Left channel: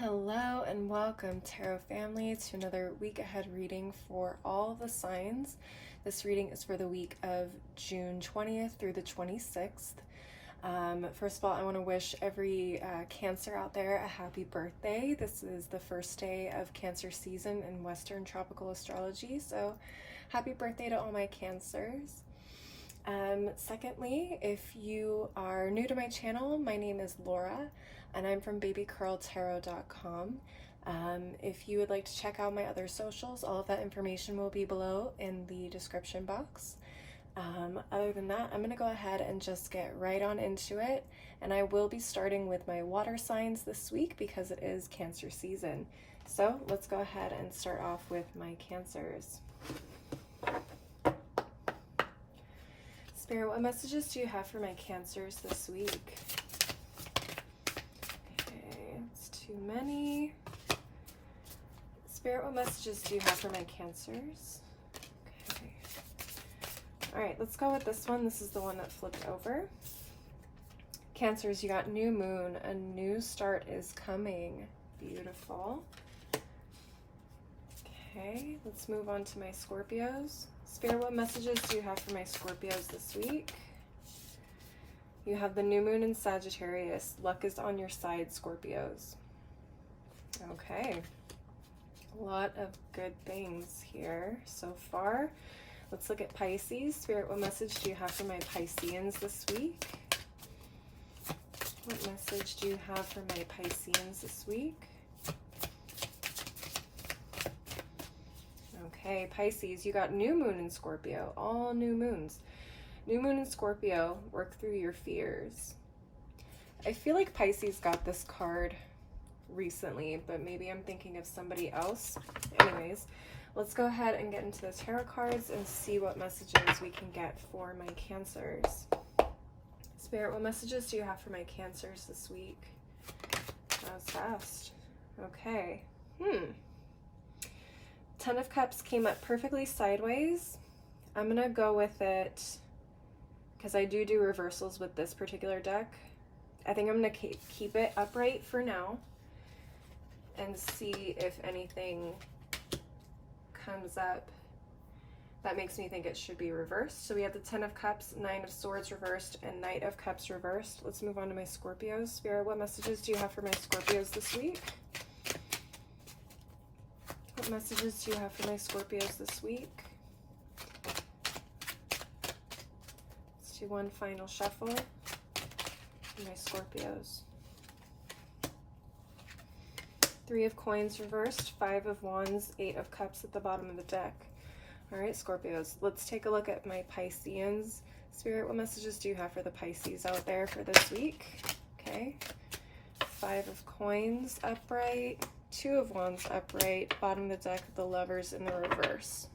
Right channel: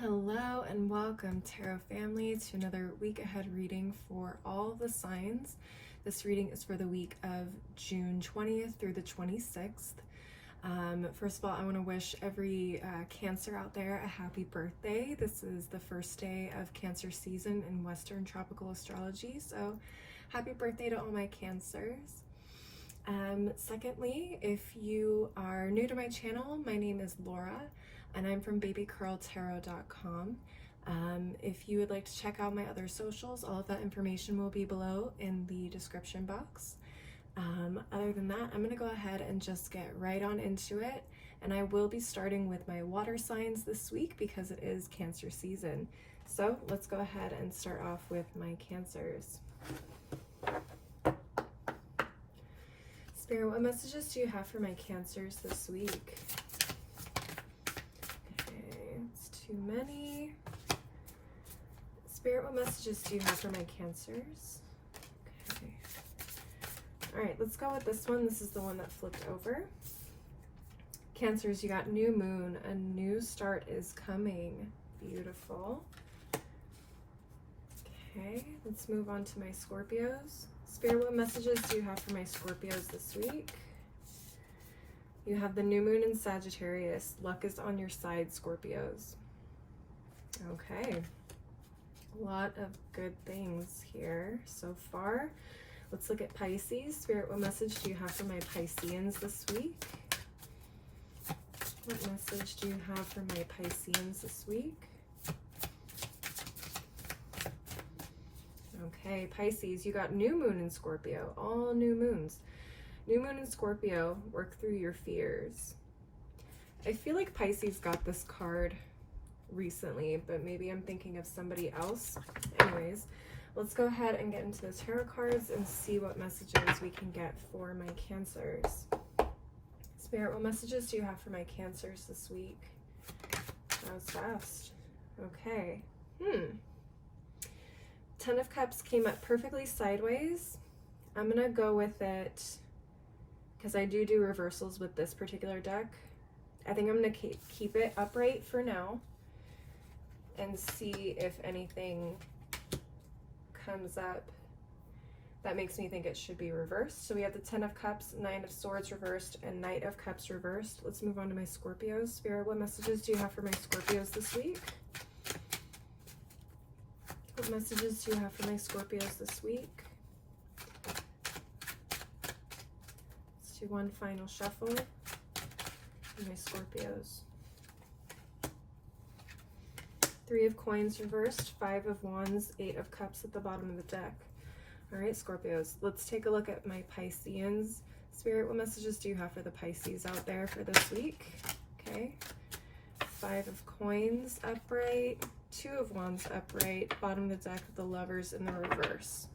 Hello and welcome, Tarot family, to another week ahead reading for all the signs. This reading is for the week of June 20th through the 26th. First of all, I want to wish every Cancer out there a happy birthday. This is the first day of Cancer season in Western tropical astrology, so happy birthday to all my Cancers. Secondly, if you are new to my channel, my name is Laura and I'm from babycurltarot.com. If you would like to check out my other socials, all of that information will be below in the description box. Other than that, I'm going to go ahead and just get right on into it, and I will be starting with my water signs this week because it is Cancer season. So let's go ahead and start off with my Cancers. Spirit, what messages do you have for my Cancers this week? Okay, it's too many. Spirit, what messages do you have for my Cancers? Okay. All right, let's go with this one. This is the one that flipped over. Cancers, you got new moon. A new start is coming. Beautiful. Okay, let's move on to my Scorpios. Spirit, what messages do you have for my Scorpios this week? You have the new moon in Sagittarius. Luck is on your side, Scorpios. Okay. A lot of good things here so far. Let's look at Pisces. Spirit, what message do you have for my Pisceans this week? What message do you have for my Pisceans this week? Okay, Pisces, you got new moon in Scorpio. All new moons. New moon in Scorpio, work through your fears. I feel like Pisces got this card recently, but maybe I'm thinking of somebody else. Anyways, let's go ahead and get into the tarot cards and see what messages we can get for my Cancers. Spirit, what messages do you have for my Cancers this week? That was fast. Okay. Ten of Cups came up perfectly sideways. I'm going to go with it because I do reversals with this particular deck. I think I'm going to keep it upright for now and see if anything comes up that makes me think it should be reversed. So we have the Ten of Cups, Nine of Swords reversed, and Knight of Cups reversed. Let's move on to my Scorpios. Spirit, what messages do you have for my Scorpios this week? What messages do you have for my Scorpios this week? Let's do one final shuffle for my Scorpios. Three of Coins reversed, Five of Wands, Eight of Cups at the bottom of the deck. All right, Scorpios, let's take a look at my Pisceans. Spirit, what messages do you have for the Pisces out there for this week? Okay, Five of Coins upright, Two of Wands upright, bottom of the deck, the Lovers in the reverse.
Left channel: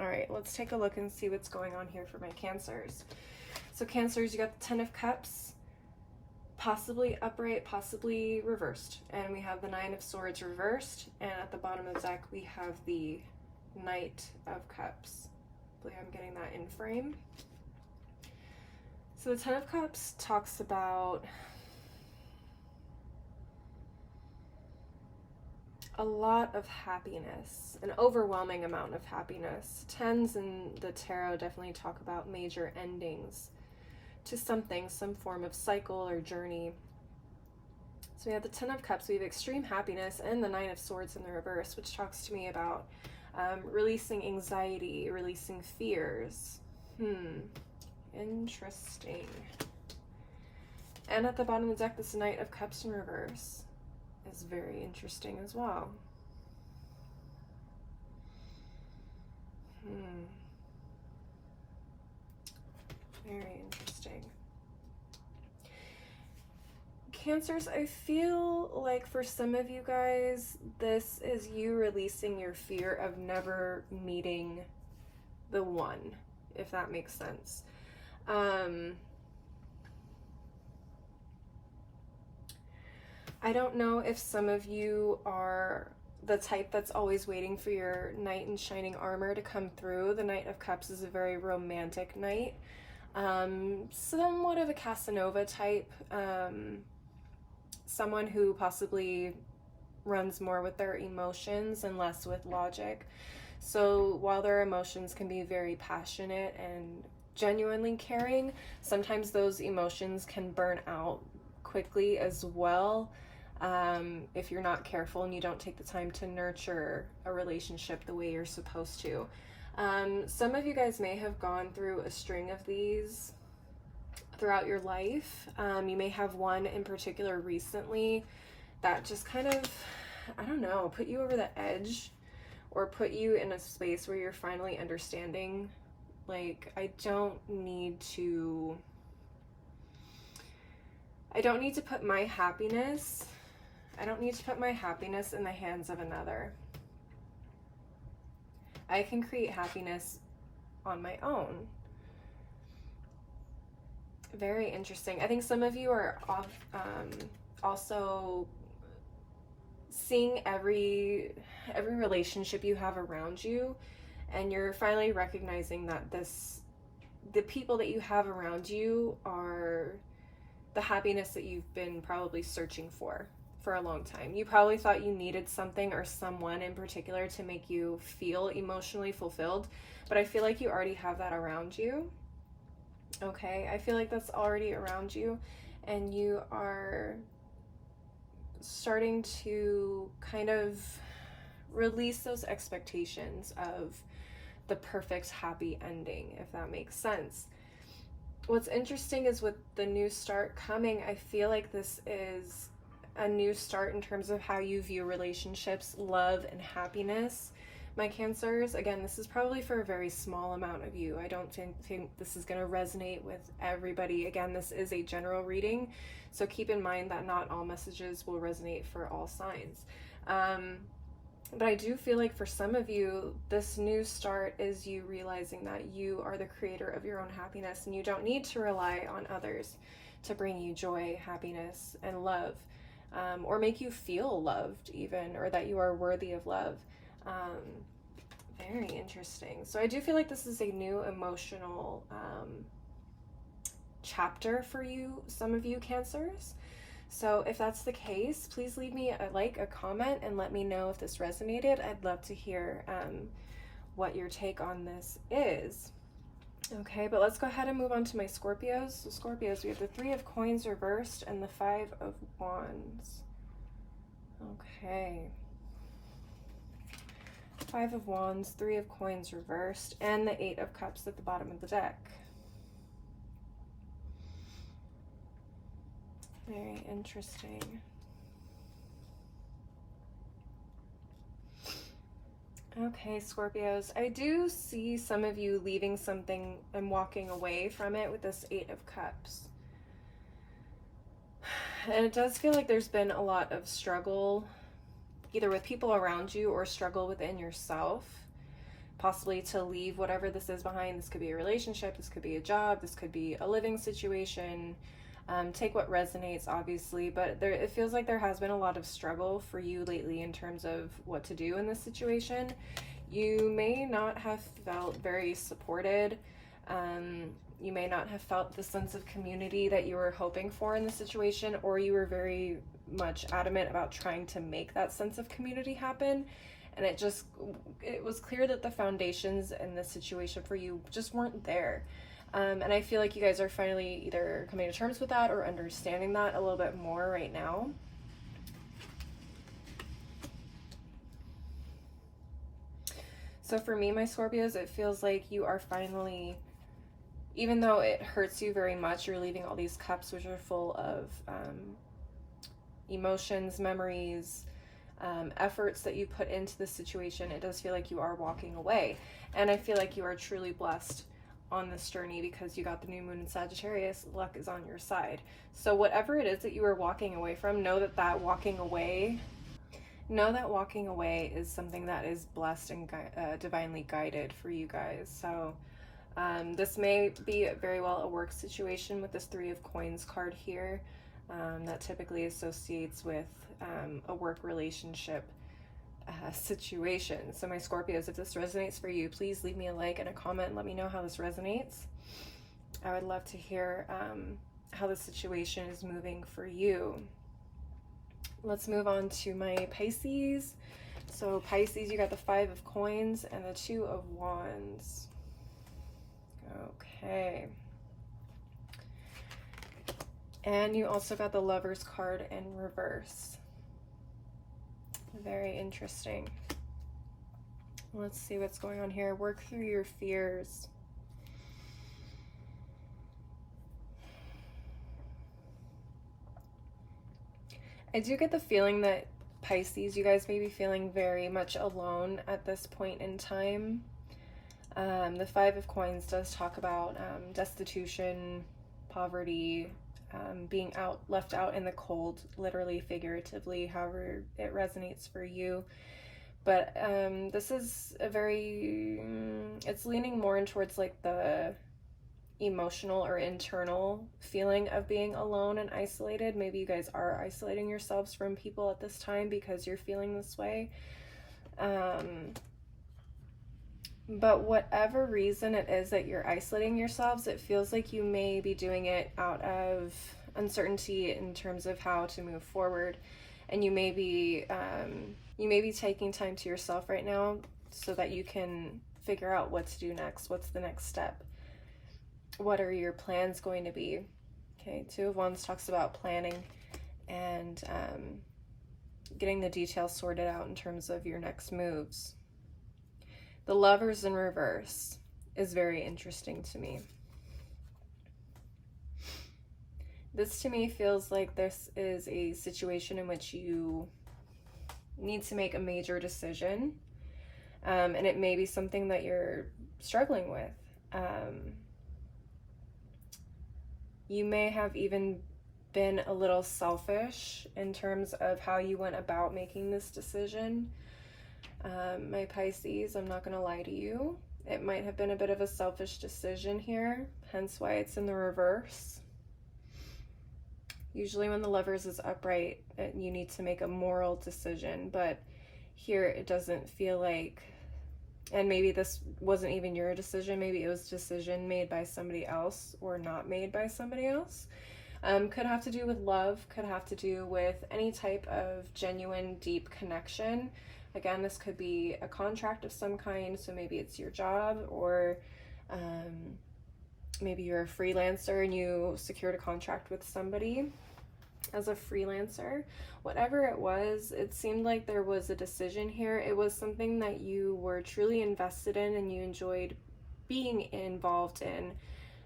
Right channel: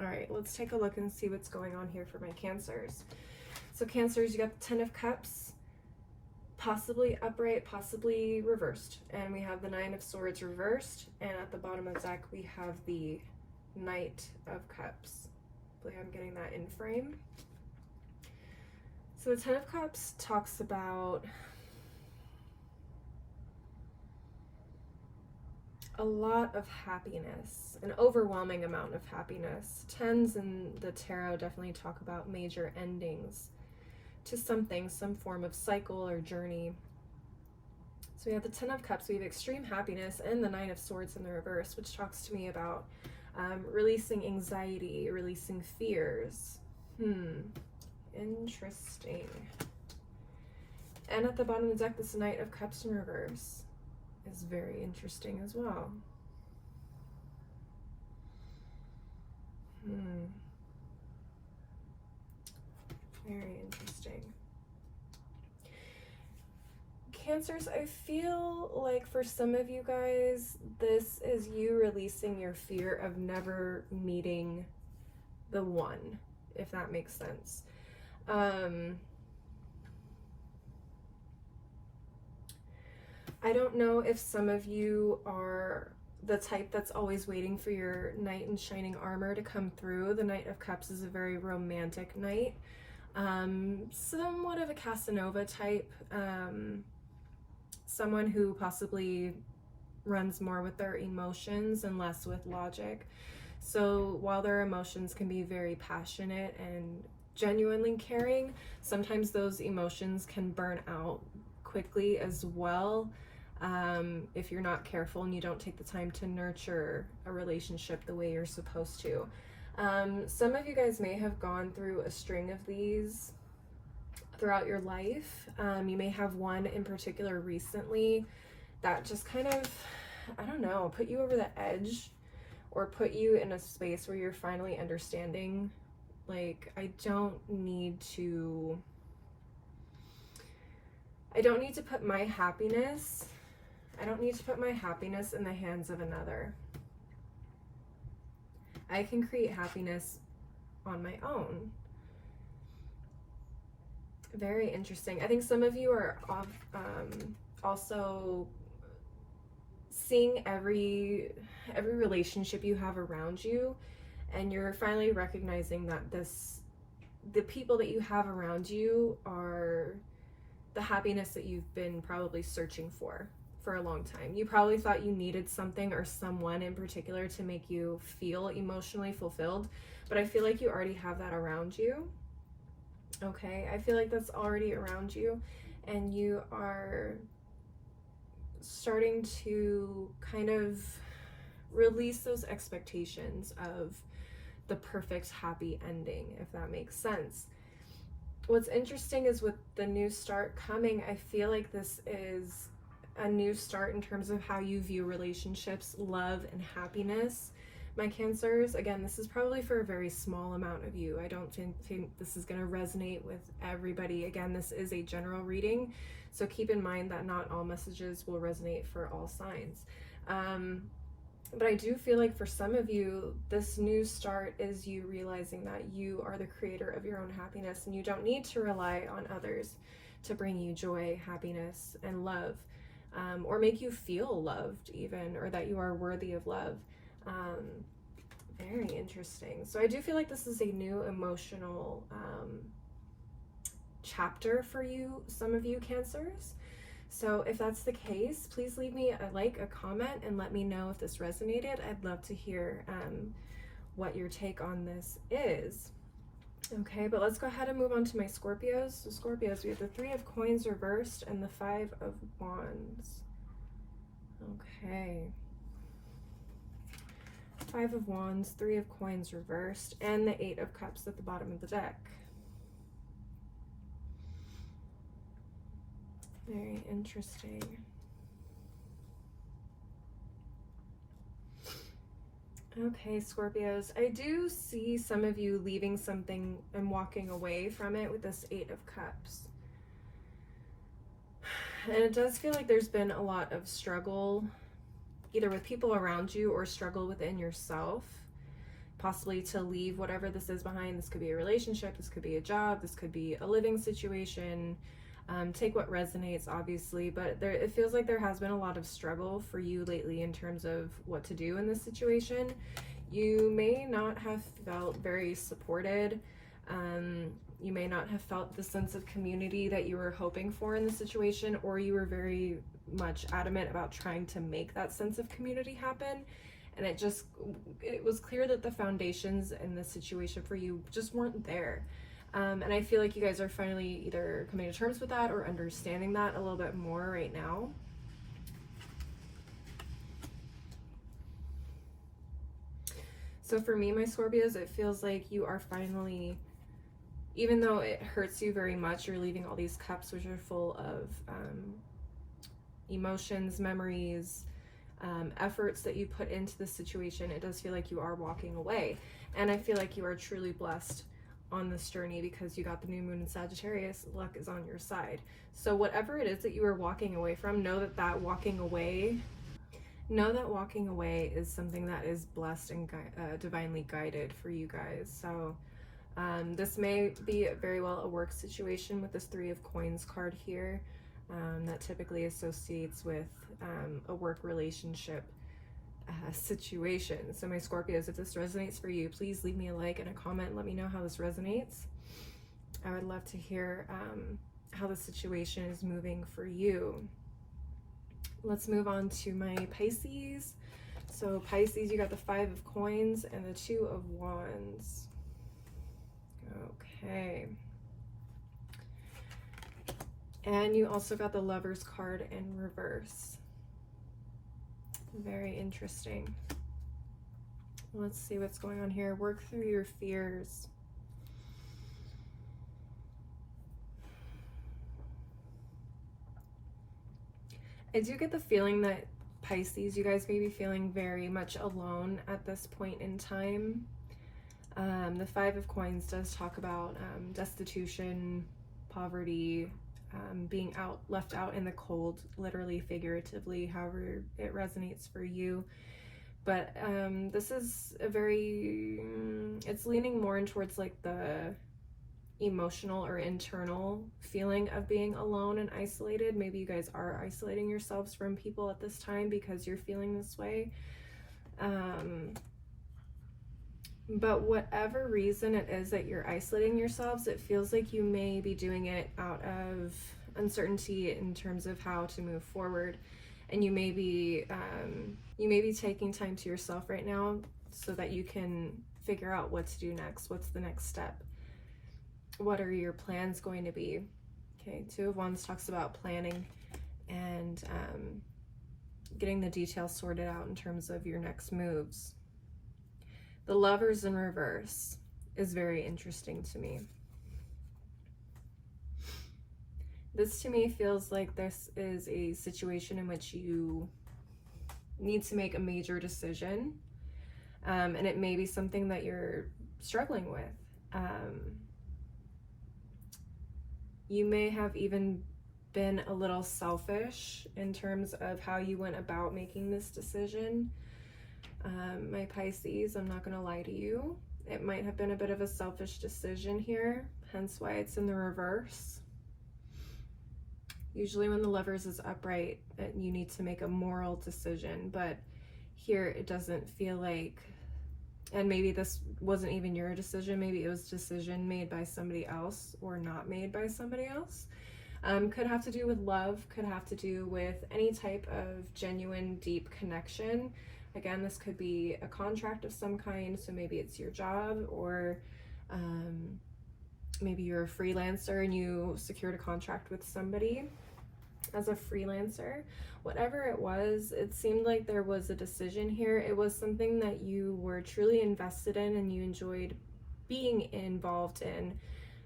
All right, let's take a look and see what's going on here for my Cancers. So Cancers, you got the Ten of Cups, possibly upright, possibly reversed. And we have the Nine of Swords reversed. And at the bottom of the deck, we have the Knight of Cups. I believe I'm getting that in frame. So the Ten of Cups talks about a lot of happiness, an overwhelming amount of happiness. Tens in the tarot definitely talk about major endings to something, some form of cycle or journey. So we have the Ten of Cups, we have extreme happiness, and the Nine of Swords in the reverse, which talks to me about releasing anxiety, releasing fears. Interesting. And at the bottom of the deck, this Knight of Cups in reverse is very interesting as well. Very interesting. Cancers, I feel like for some of you guys, this is you releasing your fear of never meeting the one, if that makes sense. I don't know if some of you are the type that's always waiting for your knight in shining armor to come through. The Knight of Cups is a very romantic knight. Somewhat of a Casanova type. Someone who possibly runs more with their emotions and less with logic. So while their emotions can be very passionate and genuinely caring, sometimes those emotions can burn out quickly as well, if you're not careful and you don't take the time to nurture a relationship the way you're supposed to. Some of you guys may have gone through a string of these throughout your life. You may have one in particular recently that just kind of, I don't know, put you over the edge, or put you in a space where you're finally understanding, like, I don't need to put my happiness in the hands of another. I can create happiness on my own. Very interesting. I think some of you are also seeing every relationship you have around you, and you're finally recognizing that the people that you have around you are the happiness that you've been probably searching for a long time. You probably thought you needed something or someone in particular to make you feel emotionally fulfilled, but I feel like you already have that around you. Okay, I feel like that's already around you, and you are starting to kind of release those expectations of the perfect happy ending, if that makes sense. What's interesting is with the new start coming, I feel like this is a new start in terms of how you view relationships, love, and happiness. My Cancers, again, this is probably for a very small amount of you. I don't think this is going to resonate with everybody. Again, this is a general reading, so keep in mind that not all messages will resonate for all signs. But I do feel like for some of you, this new start is you realizing that you are the creator of your own happiness, and you don't need to rely on others to bring you joy, happiness, and love, or make you feel loved even, or that you are worthy of love. Very interesting. So I do feel like this is a new emotional chapter for you, some of you Cancers. So if that's the case, please leave me a comment, and let me know if this resonated. I'd love to hear what your take on this is. Okay, but let's go ahead and move on to my Scorpios. So Scorpios, we have the 3 of Coins reversed and the 5 of Wands. Okay. 5 of Wands, 3 of Coins reversed, and the 8 of Cups at the bottom of the deck. Very interesting. Okay, Scorpios, I do see some of you leaving something and walking away from it with this 8 of Cups. And it does feel like there's been a lot of struggle, either with people around you or struggle within yourself, possibly to leave whatever this is behind. This could be a relationship, this could be a job, this could be a living situation. Take what resonates, obviously, but it feels like there has been a lot of struggle for you lately in terms of what to do in this situation. You may not have felt very supported. You may not have felt the sense of community that you were hoping for in the situation, or you were very much adamant about trying to make that sense of community happen. And it was clear that the foundations in this situation for you just weren't there. And I feel like you guys are finally either coming to terms with that or understanding that a little bit more right now. So for me, my Scorpios, it feels like you are finally, even though it hurts you very much, you're leaving all these cups which are full of emotions, memories, efforts that you put into the situation. It does feel like you are walking away. And I feel like you are truly blessed on this journey because you got the new moon in Sagittarius. Luck is on your side. So whatever it is that you are walking away from, know that walking away is something that is blessed and divinely guided for you guys. So this may be very well a work situation with this 3 of Coins card here. That typically associates with a work relationship situation. So my Scorpios, if this resonates for you, please leave me a like and a comment and let me know how this resonates. I would love to hear how the situation is moving for you. Let's move on to my Pisces. So Pisces, you got the 5 of coins and the 2 of wands. Okay. And you also got the Lovers card in reverse. Very interesting. Let's see what's going on here. Work through your fears. I do get the feeling that Pisces, you guys may be feeling very much alone at this point in time. The 5 of coins does talk about destitution, poverty, being left out in the cold, literally, figuratively, however it resonates for you. But this is a very, it's leaning more in towards like the emotional or internal feeling of being alone and isolated. Maybe you guys are isolating yourselves from people at this time because you're feeling this way. But whatever reason it is that you're isolating yourselves, it feels like you may be doing it out of uncertainty in terms of how to move forward. And you may be taking time to yourself right now so that you can figure out what to do next. What's the next step? What are your plans going to be? Okay, 2 of wands talks about planning and getting the details sorted out in terms of your next moves. The Lovers in reverse is very interesting to me. This to me feels like this is a situation in which you need to make a major decision, and it may be something that you're struggling with. You may have even been a little selfish in terms of how you went about making this decision. My Pisces, I'm not going to lie to you. It might have been a bit of a selfish decision here, hence why it's in the reverse. Usually when the Lovers is upright, you need to make a moral decision, but here it doesn't feel like, and maybe this wasn't even your decision, maybe it was a decision made by somebody else or not made by somebody else. Could have to do with love, could have to do with any type of genuine, deep connection. Again, this could be a contract of some kind, so maybe it's your job, or maybe you're a freelancer and you secured a contract with somebody as a freelancer. Whatever it was, it seemed like there was a decision here. It was something that you were truly invested in and you enjoyed being involved in,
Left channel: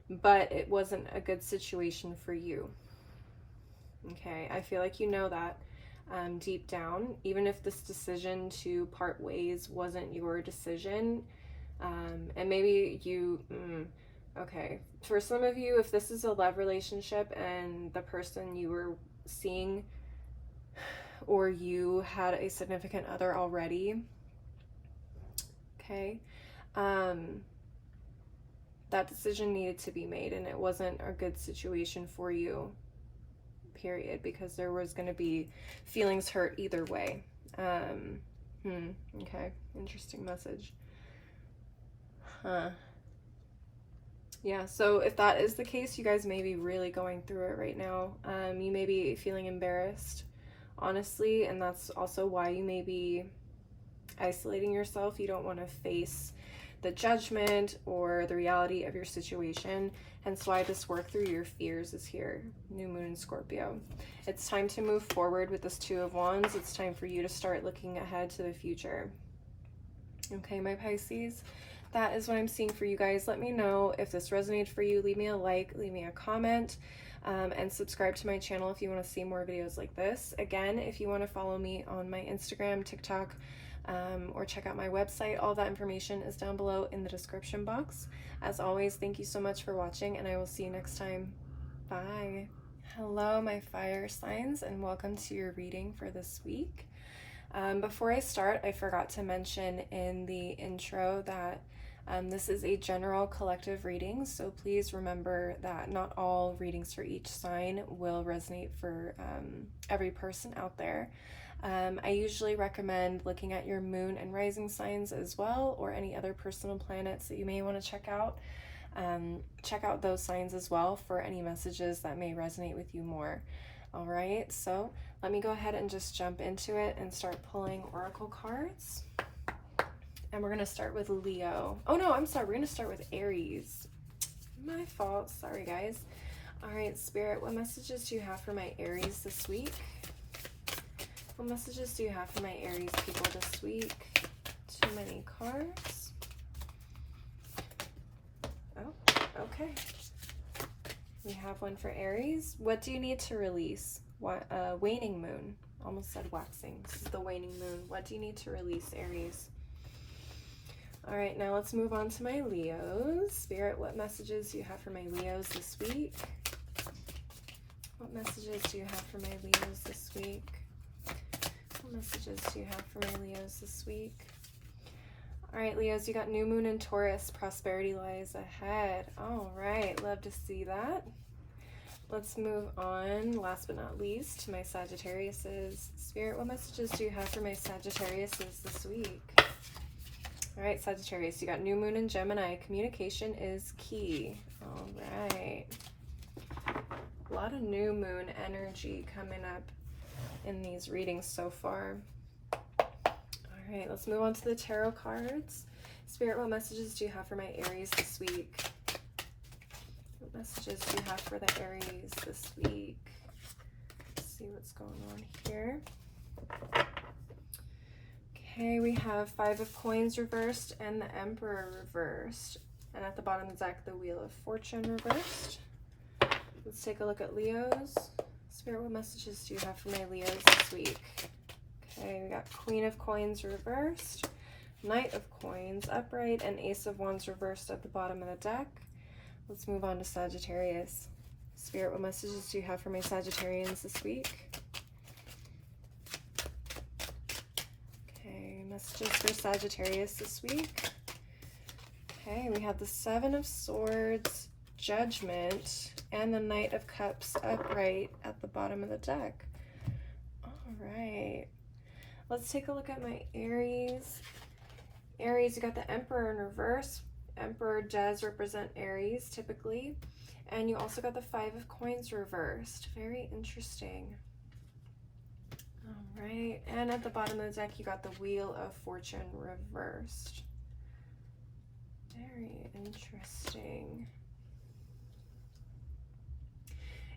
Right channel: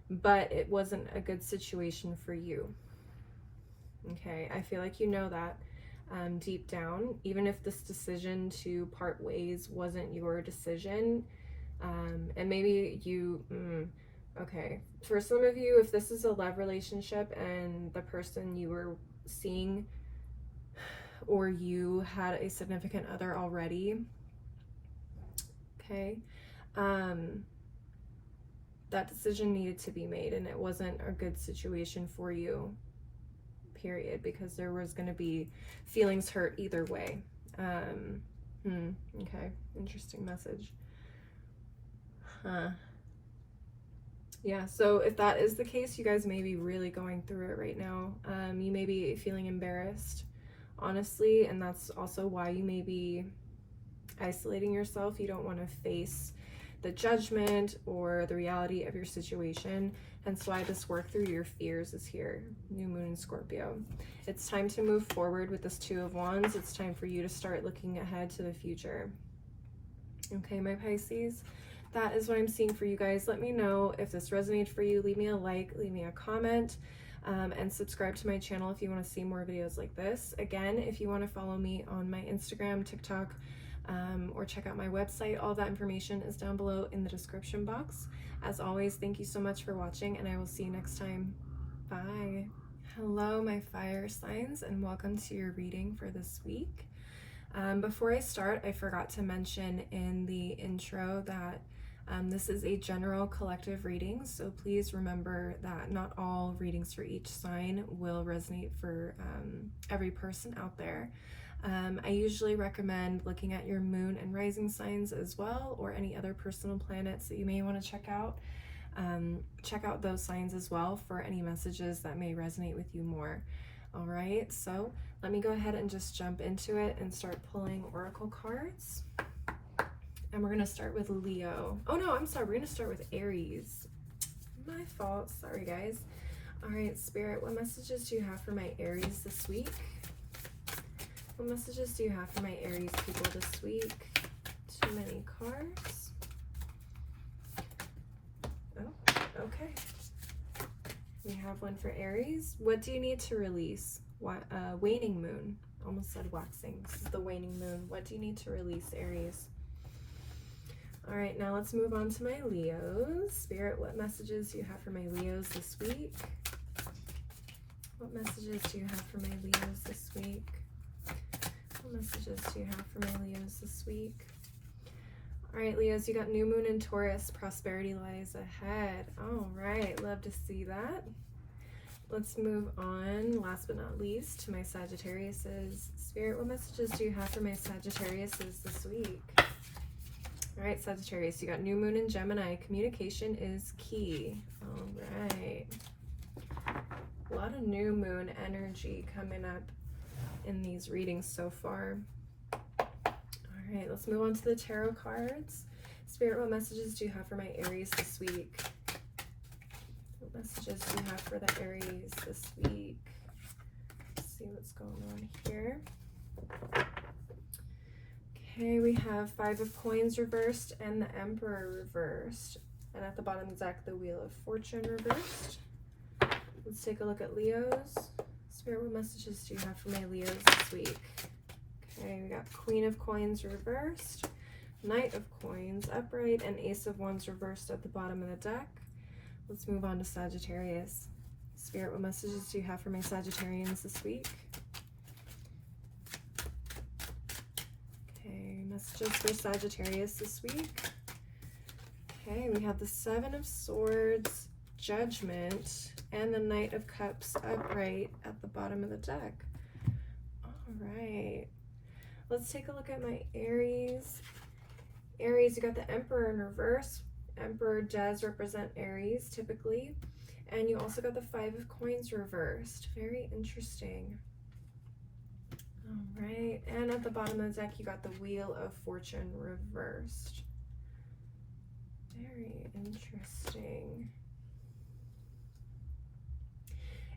but it wasn't a good situation for you. Okay, I feel like you know that deep down, even if this decision to part ways wasn't your decision, and maybe you, okay, for some of you, if this is a love relationship and the person you were seeing, or you had a significant other already, okay, that decision needed to be made, and it wasn't a good situation for you, period, because there was going to be feelings hurt either way. Okay, interesting message. Yeah, so if that is the case, you guys may be really going through it right now. You may be feeling embarrassed, honestly, and that's also why you may be isolating yourself. You don't want to face the judgment or the reality of your situation, hence why this work through your fears is here. New moon in Scorpio. It's time to move forward with this 2 of wands. It's time for you to start looking ahead to the future. Okay, my Pisces, that is what I'm seeing for you guys. Let me know if this resonated for you. Leave me a like, leave me a comment, and subscribe to my channel if you want to see more videos like this. Again, if you want to follow me on my Instagram, TikTok, or check out my website, all that information is down below in the description box. As always, thank you so much for watching, and I will see you next time. Bye. Hello, my fire signs, and welcome to your reading for this week. Before I start, I forgot to mention in the intro that this is a general collective reading, so please remember that not all readings for each sign will resonate for every person out there. I usually recommend looking at your moon and rising signs as well, or any other personal planets that you may want to check out. Check out those signs as well for any messages that may resonate with you more. All right, so let me go ahead and just jump into it and start pulling oracle cards. And we're going to start with Leo. Oh no, I'm sorry. We're going to start with Aries. My fault. Sorry, guys. All right, Spirit, what messages do you have for my Aries this week? What messages do you have for my Aries people this week? Too many cards. Oh, okay. We have one for Aries. What do you need to release? What waning moon. Almost said waxing. This is the waning moon. What do you need to release, Aries? All right, now let's move on to my Leos. Spirit, what messages do you have for my Leos this week? What messages do you have for my Leos this week? What messages do you have for my Leos this week? All right, Leos, you got new moon in Taurus. Prosperity lies ahead. All right, love to see that. Let's move on, last but not least, to my Sagittariuses. Spirit, what messages do you have for my Sagittariuses this week? All right, Sagittarius, you got new moon in Gemini. Communication is key. All right. A lot of new moon energy coming up in these readings so far. All right, let's move on to the tarot cards. Spirit, what messages do you have for my Aries this week? What messages do you have for the Aries this week? Let's see what's going on here. Okay, we have 5 of Coins reversed and the Emperor reversed. And at the bottom of the deck, the Wheel of Fortune reversed. Let's take a look at Leos. Spirit, what messages do you have for my Leos this week? Okay, we got Queen of Coins reversed, Knight of Coins upright, and Ace of Wands reversed at the bottom of the deck. Let's move on to Sagittarius. Spirit, what messages do you have for my Sagittarians this week? Okay, messages for Sagittarius this week. Okay, we have the 7 of Swords, Judgment, and the Knight of Cups upright at the bottom of the deck. All right. Let's take a look at my Aries. Aries, you got the Emperor in reverse. Emperor does represent Aries typically. And you also got the 5 of Coins reversed. Very interesting. All right. And at the bottom of the deck, you got the Wheel of Fortune reversed. Very interesting.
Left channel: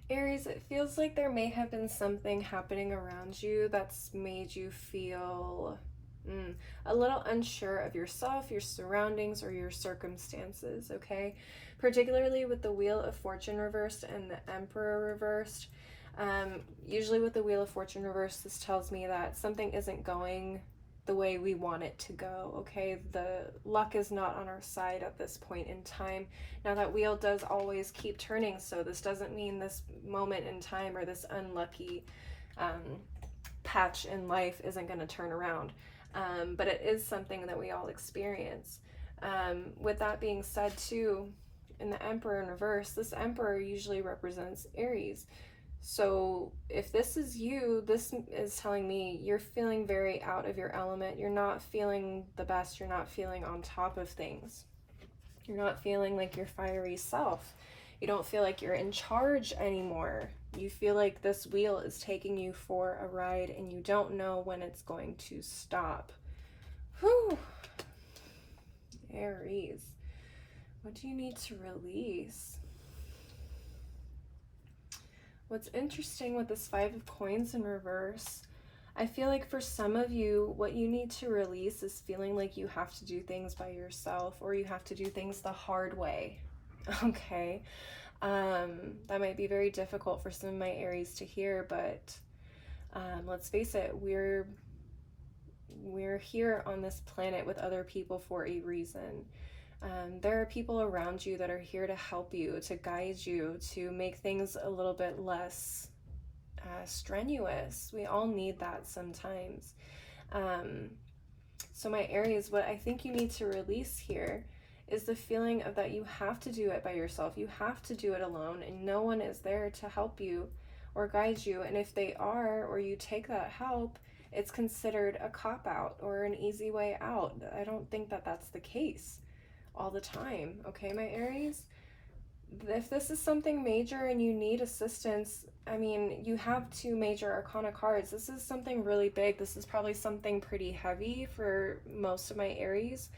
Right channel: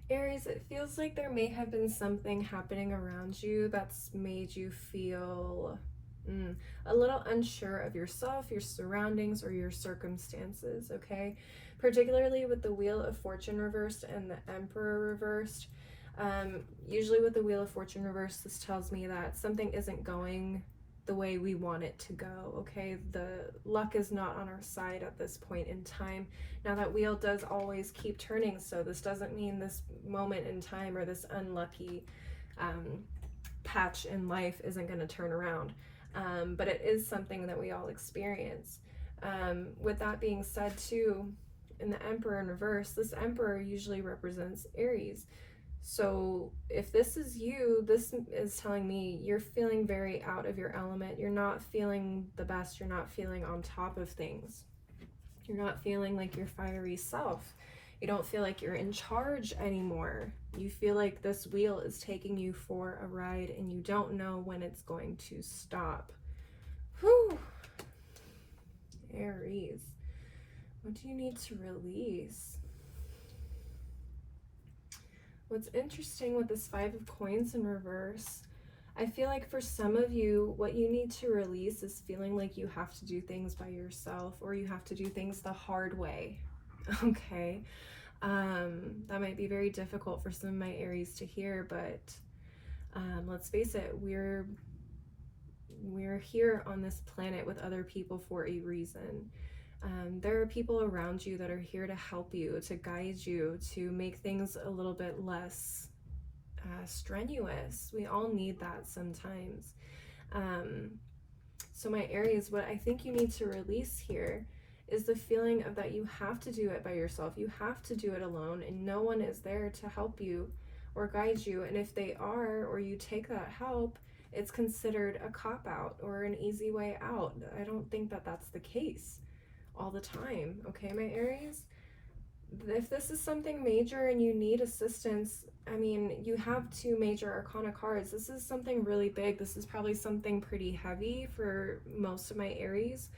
Aries, it feels like there may have been something happening around you that's made you feel a little unsure of yourself, your surroundings, or your circumstances, okay? Particularly with the Wheel of Fortune reversed and the Emperor reversed. Usually with the Wheel of Fortune reversed, this tells me that something isn't going the way we want it to go, okay? The luck is not on our side at this point in time. Now that wheel does always keep turning, so this doesn't mean this moment in time or this unlucky patch in life isn't going to turn around. But it is something that we all experience. With that being said too, in the Emperor in reverse, this Emperor usually represents Aries. So if this is you, this is telling me you're feeling very out of your element. You're not feeling the best. You're not feeling on top of things. You're not feeling like your fiery self. You don't feel like you're in charge anymore. You feel like this wheel is taking you for a ride and you don't know when it's going to stop. Whew. Aries, what do you need to release? What's interesting with this 5 of Coins in reverse, I feel like for some of you, what you need to release is feeling like you have to do things by yourself or you have to do things the hard way, okay? That might be very difficult for some of my Aries to hear, but let's face it, we're here on this planet with other people for a reason. There are people around you that are here to help you, to guide you, to make things a little bit less strenuous. We all need that sometimes. So my Aries, what I think you need to release here is the feeling of that you have to do it by yourself. You have to do it alone and no one is there to help you or guide you. And if they are, or you take that help, it's considered a cop-out or an easy way out. I don't think that that's the case all the time, okay, my Aries? if this is something major and you need assistance, I mean, you have 2 major arcana cards. This is something really big. This is probably something pretty heavy for most of my Aries.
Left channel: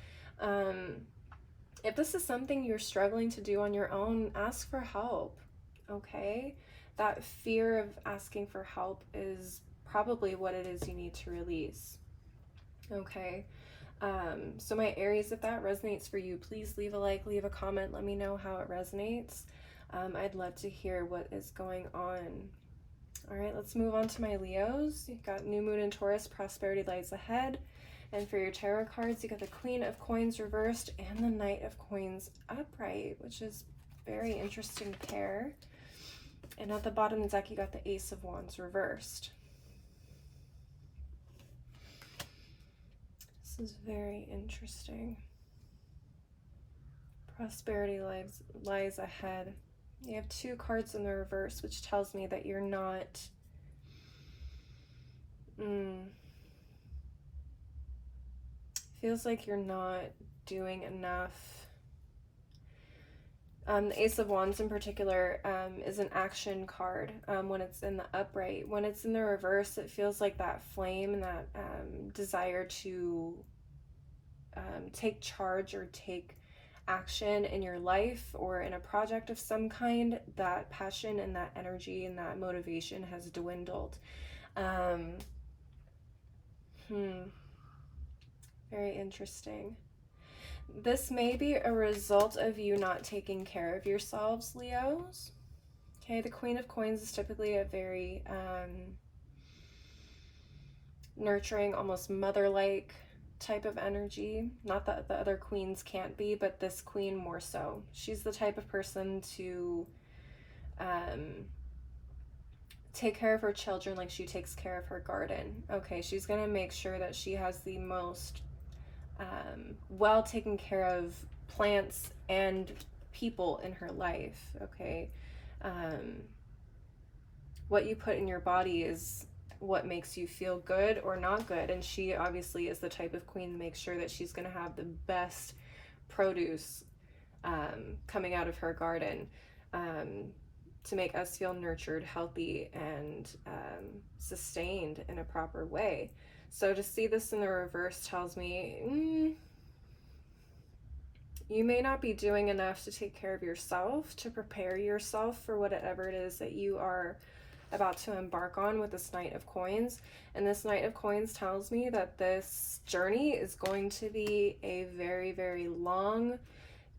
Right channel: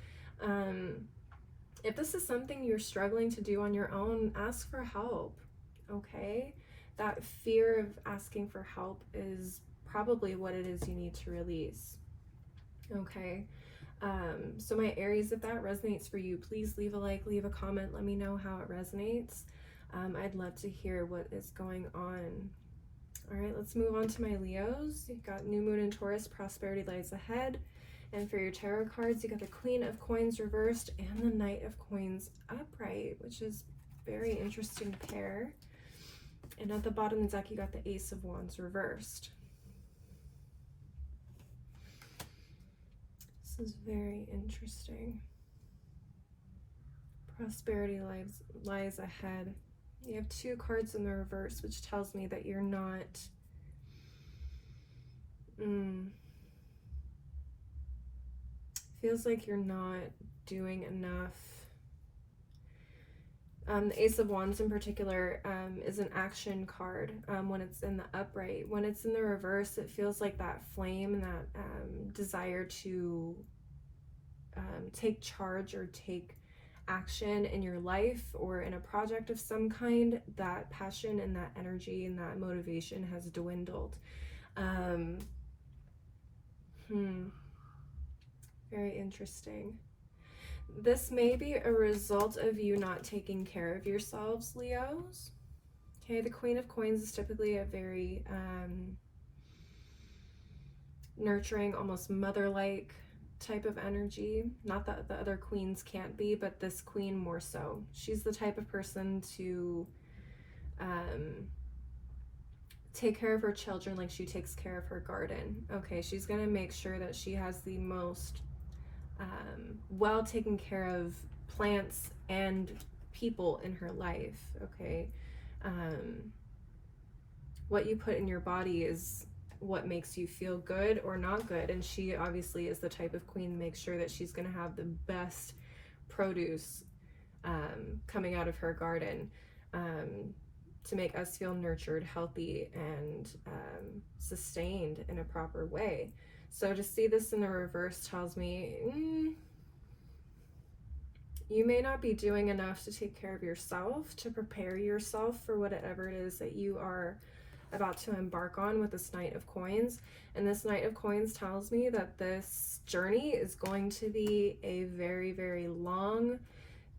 If this is something you're struggling to do on your own, ask for help, okay? That fear of asking for help is probably what it is you need to release, okay? So my Aries, if that resonates for you, please leave a like, leave a comment, let me know how it resonates. I'd love to hear what is going on. All right, let's move on to my Leos. You've got New Moon in Taurus, prosperity lies ahead. And for your tarot cards, you got the Queen of Coins reversed and the Knight of Coins upright, which is very interesting pair. And at the bottom of the deck, you got the Ace of Wands reversed. This is very interesting. Prosperity lies ahead. You have 2 cards in the reverse, which tells me that you're not... feels like you're not doing enough. The Ace of Wands in particular is an action card when it's in the upright. When it's in the reverse, it feels like that flame and that desire to take charge or take action in your life or in a project of some kind. That passion and that energy and that motivation has dwindled. Very interesting. This may be a result of you not taking care of yourselves, Leos. Okay, the Queen of Coins is typically a very nurturing, almost mother-like type of energy. Not that the other queens can't be, but this queen more so. She's the type of person to take care of her children like she takes care of her garden. Okay, she's going to make sure that she has the most well taken care of plants and people in her life, okay? What you put in your body is what makes you feel good or not good, and she obviously is the type of queen to make sure that she's going to have the best produce coming out of her garden to make us feel nurtured, healthy, and sustained in a proper way. So to see this in the reverse tells me you may not be doing enough to take care of yourself, to prepare yourself for whatever it is that you are about to embark on with this Knight of Coins. And this Knight of Coins tells me that this journey is going to be a very, very long,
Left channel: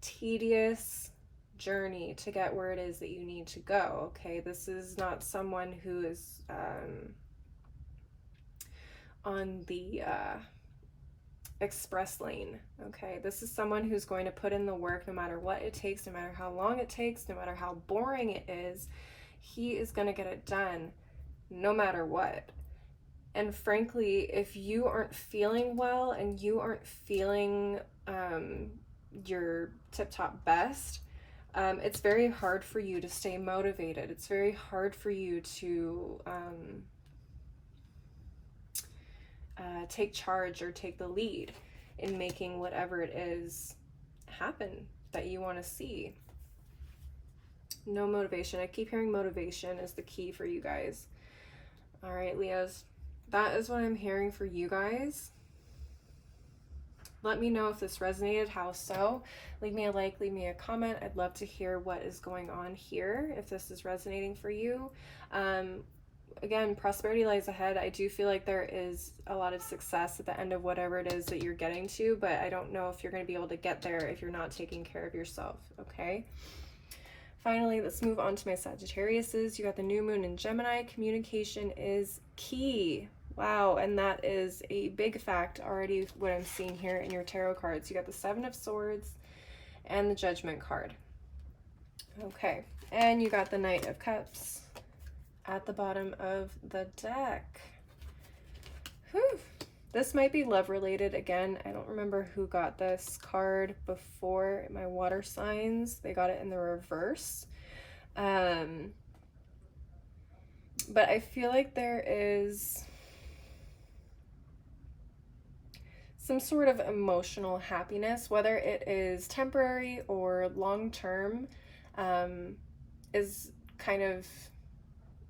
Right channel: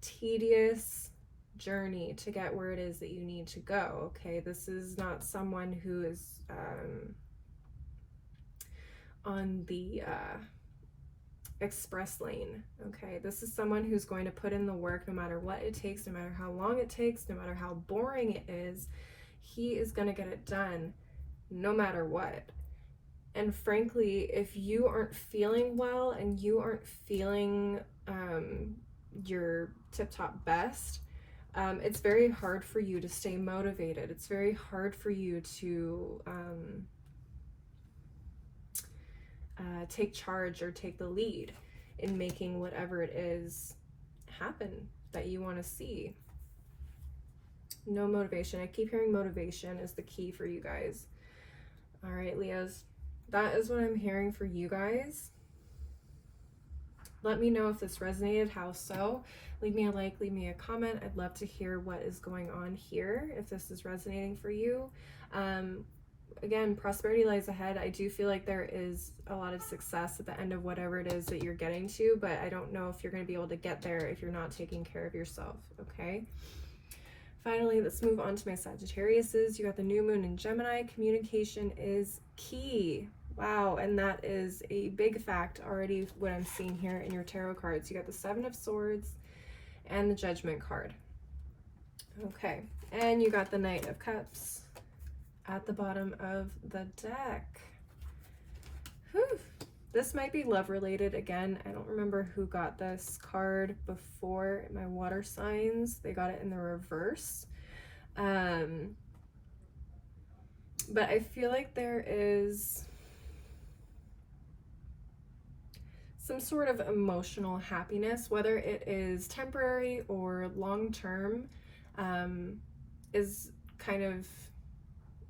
tedious journey to get where it is that you need to go, okay? This is not someone who is on the express lane, okay? This is someone who's going to put in the work no matter what it takes, no matter how long it takes, no matter how boring it is. He is going to get it done no matter what. And frankly, if you aren't feeling well and you aren't feeling your tip-top best, it's very hard for you to stay motivated. It's very hard for you to take charge or take the lead in making whatever it is happen that you want to see. No motivation. I keep hearing motivation is the key for you guys. All right, Leos, that is what I'm hearing for you guys. Let me know if this resonated, how so. Leave me a like, leave me a comment. I'd love to hear what is going on here, if this is resonating for you. Again, prosperity lies ahead. I do feel like there is a lot of success at the end of whatever it is that you're getting to, but I don't know if you're going to be able to get there if you're not taking care of yourself, okay? Finally, let's move on to my Sagittariuses. You got the new moon in Gemini. Communication is key. Wow, and that is a big fact already, what I'm seeing here in your tarot cards. You got the Seven of Swords and the Judgment card. Okay, and you got the Knight of Cups at the bottom of the deck. Whew. This might be love related again. I don't remember who got this card before. My water signs, they got it in the reverse. But I feel like there is some sort of emotional happiness, whether it is temporary or long-term. is kind of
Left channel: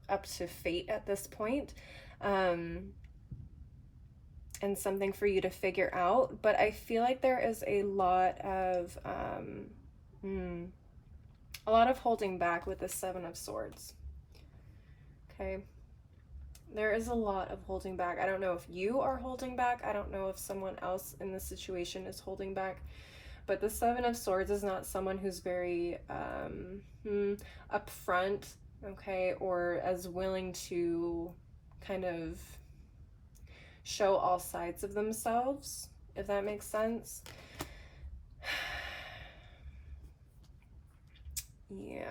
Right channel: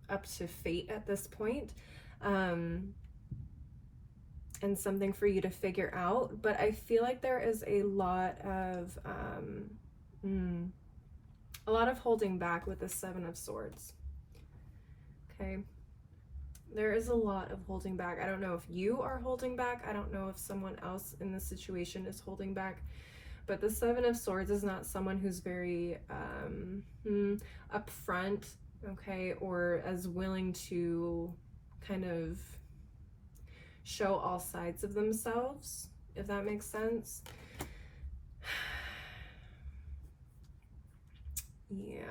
up to fate at this point, and something for you to figure out. But I feel like there is a lot of holding back with the Seven of Swords. Okay, there is a lot of holding back. I don't know if you are holding back. I don't know if someone else in this situation is holding back. But the Seven of Swords is not someone who's very upfront, okay, or as willing to kind of show all sides of themselves, if that makes sense. Yeah.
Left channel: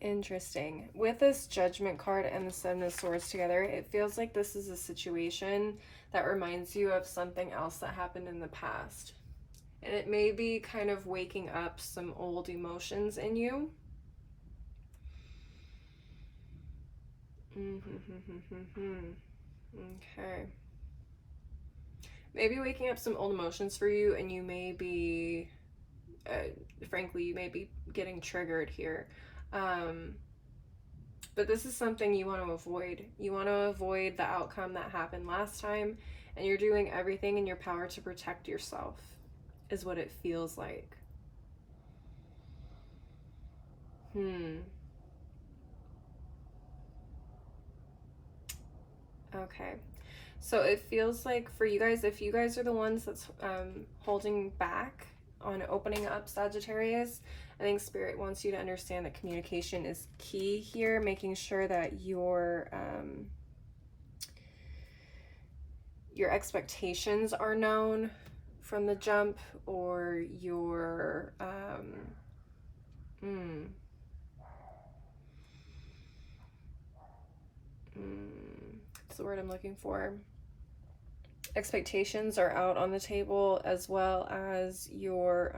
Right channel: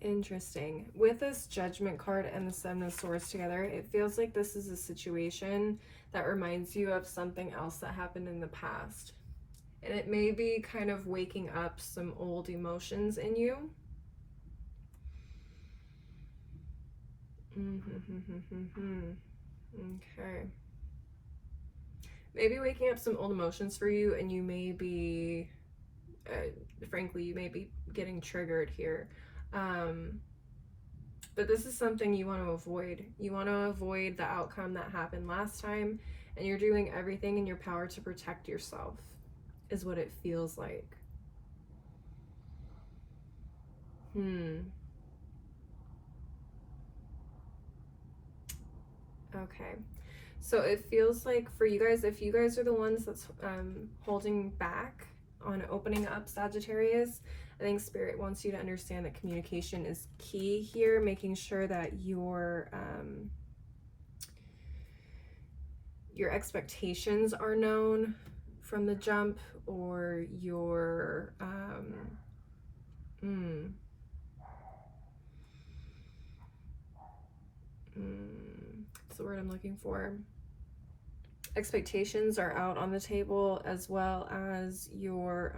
Interesting. With this Judgment card and the Seven of Swords together, it feels like this is a situation that reminds you of something else that happened in the past. And it may be kind of waking up some old emotions in you. Okay. Maybe waking up some old emotions for you, and you may be, frankly, you may be getting triggered here. But this is something you want to avoid. You want to avoid the outcome that happened last time, and you're doing everything in your power to protect yourself, is what it feels like. Okay. So it feels like for you guys, if you guys are the ones that's holding back on opening up Sagittarius, I think Spirit wants you to understand that communication is key here, making sure that your expectations are known from the jump, or your what's the word I'm looking for? Expectations are out on the table, as well as your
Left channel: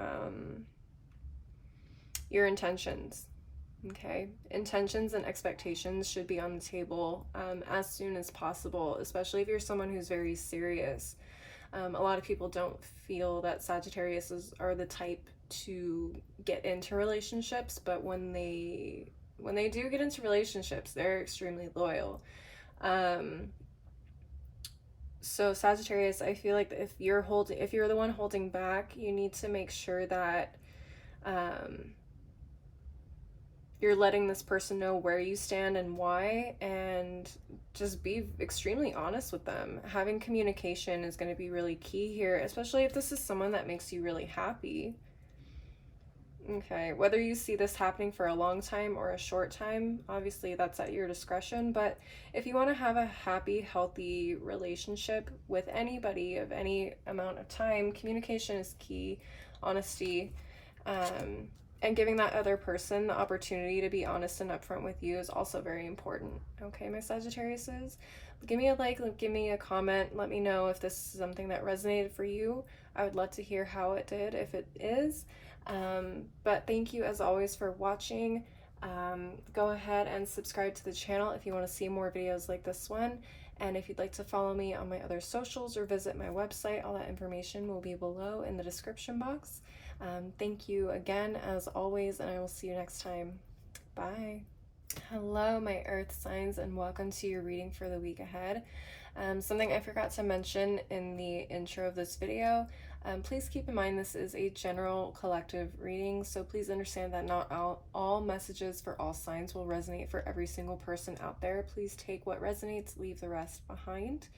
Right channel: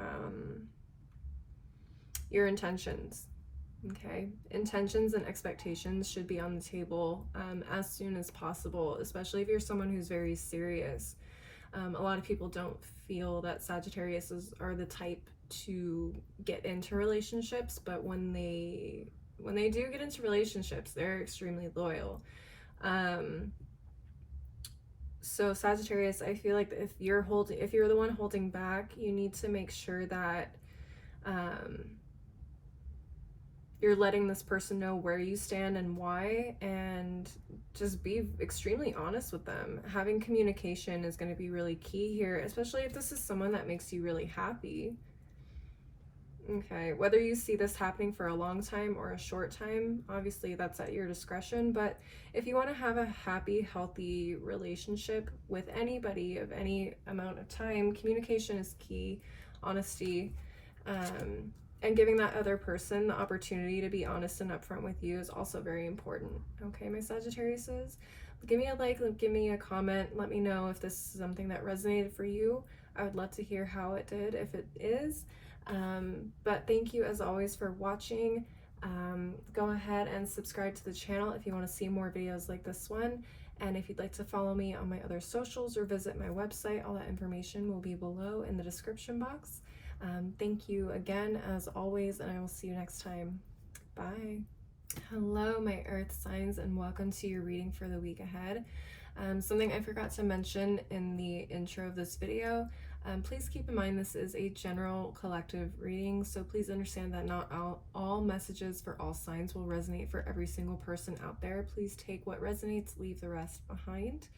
intentions. Okay, intentions and expectations should be on the table as soon as possible, especially if you're someone who's very serious. A lot of people don't feel that Sagittarius are the type to get into relationships, but when they do get into relationships, they're extremely loyal. So Sagittarius, I feel like if you're the one holding back, you need to make sure that you're letting this person know where you stand and why, and just be extremely honest with them. Having communication is going to be really key here, especially if this is someone that makes you really happy. Okay, whether you see this happening for a long time or a short time, obviously that's at your discretion, but if you want to have a happy, healthy relationship with anybody of any amount of time, communication is key, honesty, and giving that other person the opportunity to be honest and upfront with you is also very important. Okay, my Sagittariuses? Give me a like, give me a comment, let me know if this is something that resonated for you. I would love to hear how it did, if it is. But thank you as always for watching. Go ahead and subscribe to the channel if you want to see more videos like this one. And if you'd like to follow me on my other socials or visit my website, all that information will be below in the description box. Thank you again as always, and I will see you next time. Bye. Hello, my earth signs, and welcome to your reading for the week ahead. Something I forgot to mention in the intro of this video, please keep in mind this is a general collective reading, so please understand that not all messages for all signs will resonate for every single person out there. Please take what resonates, leave the rest behind.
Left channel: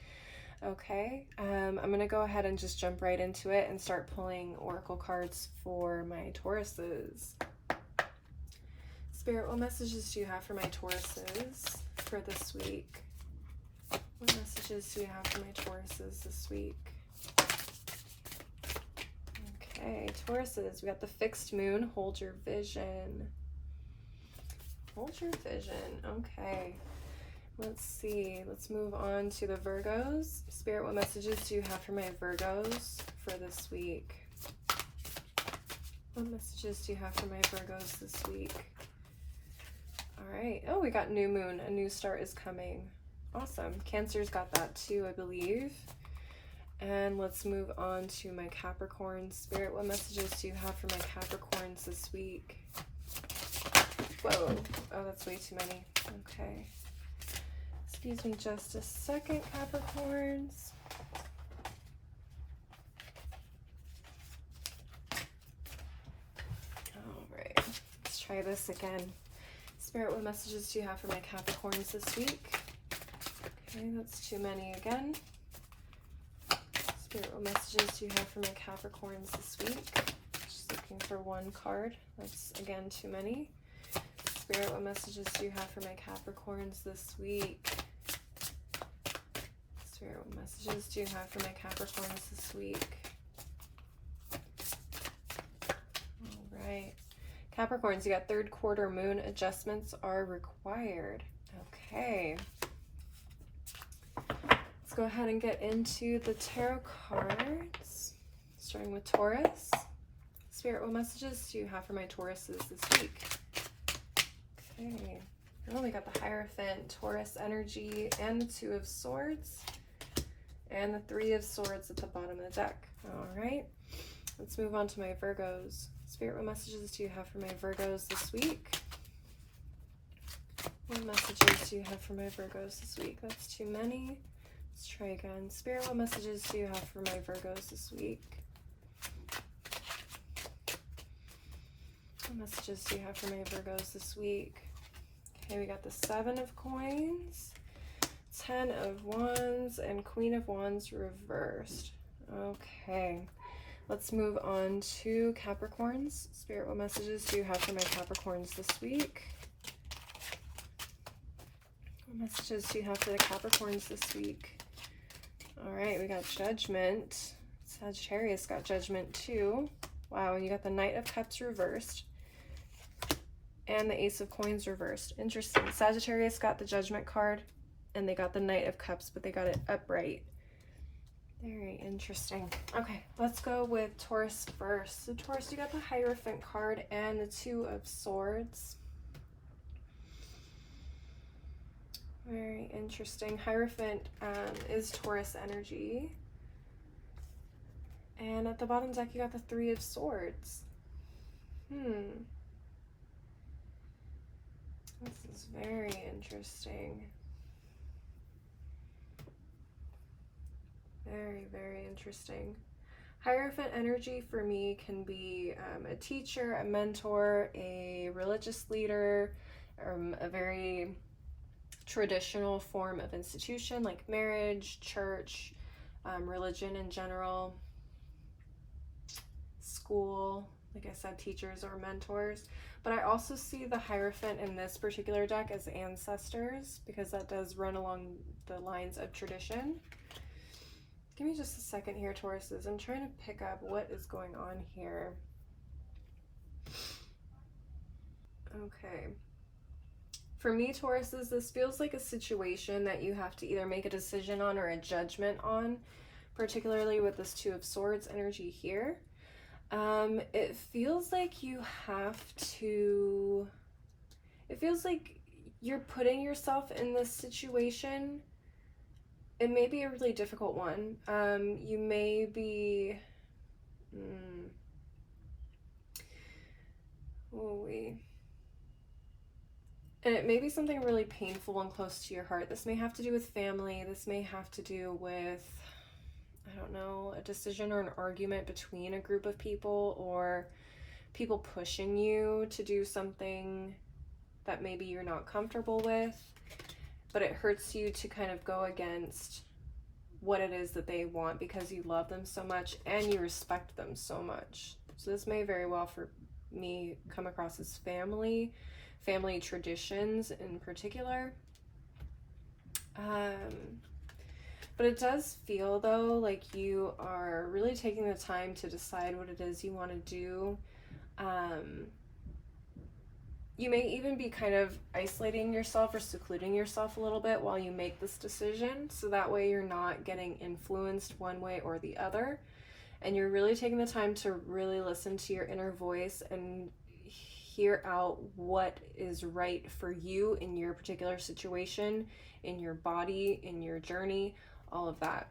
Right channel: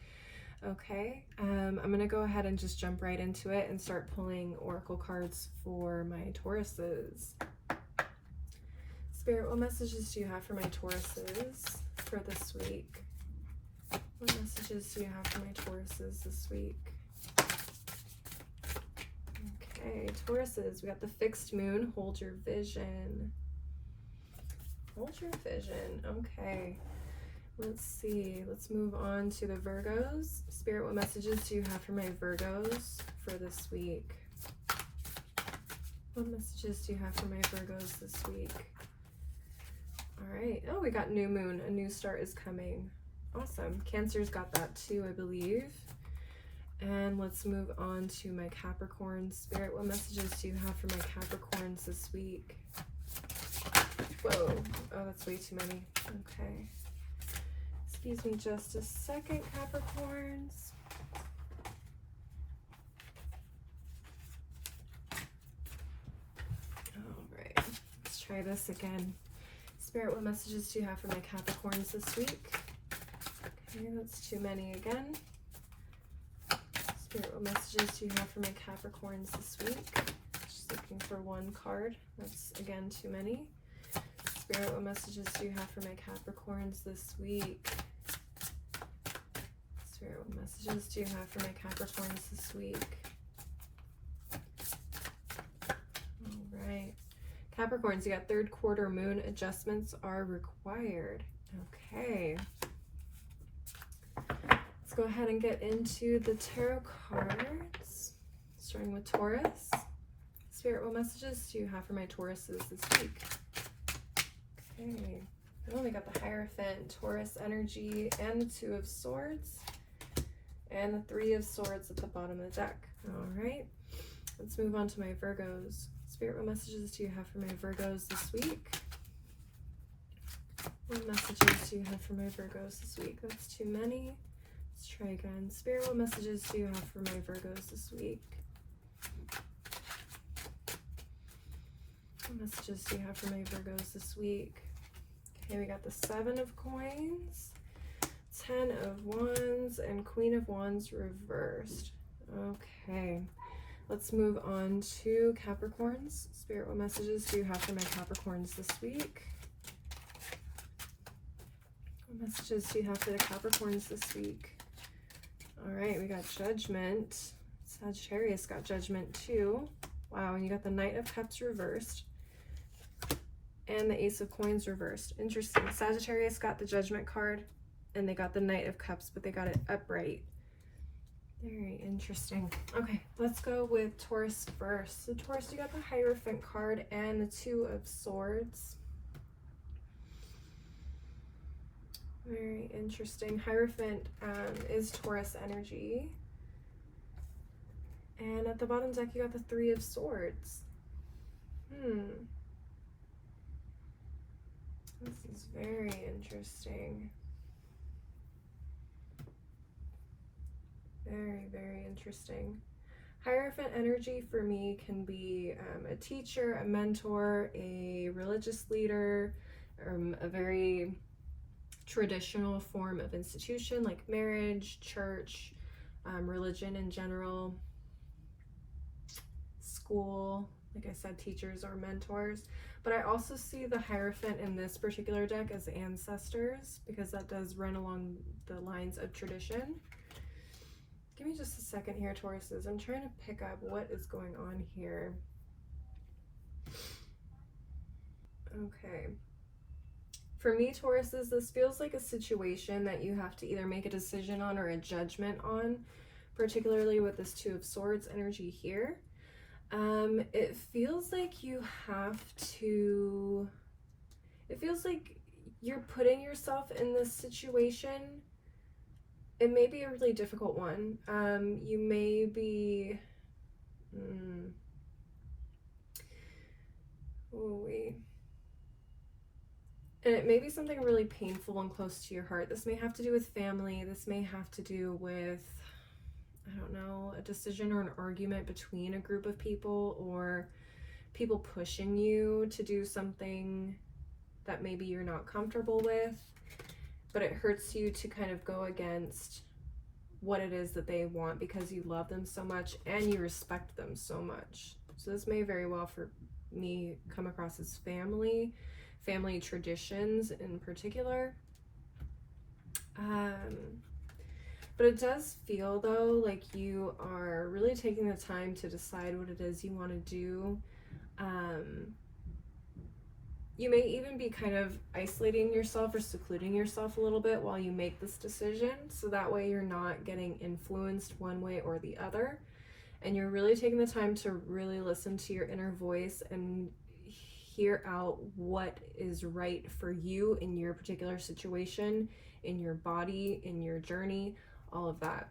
Okay, I'm going to go ahead and just jump right into it and start pulling oracle cards for my Tauruses. Spirit, what messages do you have for my Tauruses for this week? What messages do you have for my Tauruses this week? Okay, Tauruses, we got the fixed moon. Hold your vision. Hold your vision. Okay. Let's see. Let's move on to the Virgos. Spirit, what messages do you have for my Virgos for this week? What messages do you have for my Virgos this week? All right. Oh, we got new moon. A new start is coming. Awesome. Cancer's got that too, I believe. And let's move on to my Capricorns. Spirit, what messages do you have for my Capricorns this week? Whoa. Oh, that's way too many. Okay. Excuse me just a second, Capricorns. All right. Let's try this again. Spirit, what messages do you have for my Capricorns this week? Okay, that's too many again. Spirit, what messages do you have for my Capricorns this week? Just looking for one card. That's, again, too many. Spirit, what messages do you have for my Capricorns this week? Spirit, what messages do you have for my Capricorns this week? All right. Capricorns, you got third quarter moon. Adjustments are required. Okay. Let's go ahead and get into the tarot cards, starting with Taurus. Spirit, what messages do you have for my Tauruses this week? Okay, well, we got the Hierophant, Taurus energy, and the Two of Swords, and the Three of Swords at the bottom of the deck. All right, let's move on to my Virgos. Spirit, what messages do you have for my Virgos this week? What messages do you have for my Virgos this week? That's too many. Let's try again. Spirit, what messages do you have for my Virgos this week? What messages do you have for my Virgos this week? Okay, we got the Seven of Coins, Ten of Wands, and Queen of Wands reversed. Okay, let's move on to Capricorns. Spirit, what messages do you have for my Capricorns this week? What messages do you have for the Capricorns this week? All right, we got Judgment. Sagittarius got Judgment too. Wow, and you got the Knight of Cups reversed and the Ace of Coins reversed. Interesting. Sagittarius got the Judgment card and they got the Knight of Cups, but they got it upright. Very interesting. Okay, let's go with Taurus first. So Taurus, you got the Hierophant card and the Two of Swords. Very interesting. Hierophant is Taurus energy. And at the bottom deck, you got the Three of Swords. This is very interesting. Very, very interesting. Hierophant energy for me can be a teacher, a mentor, a religious leader, a very traditional form of institution like marriage, church, religion in general, school, like I said, teachers or mentors. But I also see the Hierophant in this particular deck as ancestors because that does run along the lines of tradition. Give me just a second here, Tauruses. I'm trying to pick up what is going on here. Okay. For me, Tauruses, this feels like a situation that you have to either make a decision on or a judgment on, particularly with this Two of Swords energy here. It feels like you have to, it feels like you're putting yourself in this situation. It may be a really difficult one. You may be, and it may be something really painful and close to your heart. This may have to do with family. This may have to do with, I don't know, a decision or an argument between a group of people or people pushing you to do something that maybe you're not comfortable with, but it hurts you to kind of go against what it is that they want because you love them so much and you respect them so much. So this may very well for me come across as family traditions in particular. But it does feel though like you are really taking the time to decide what it is you want to do. You may even be kind of isolating yourself or secluding yourself a little bit while you make this decision, so that way you're not getting influenced one way or the other, and you're really taking the time to really listen to your inner voice and hear out what is right for you in your particular situation, in your body, in your journey, all of that.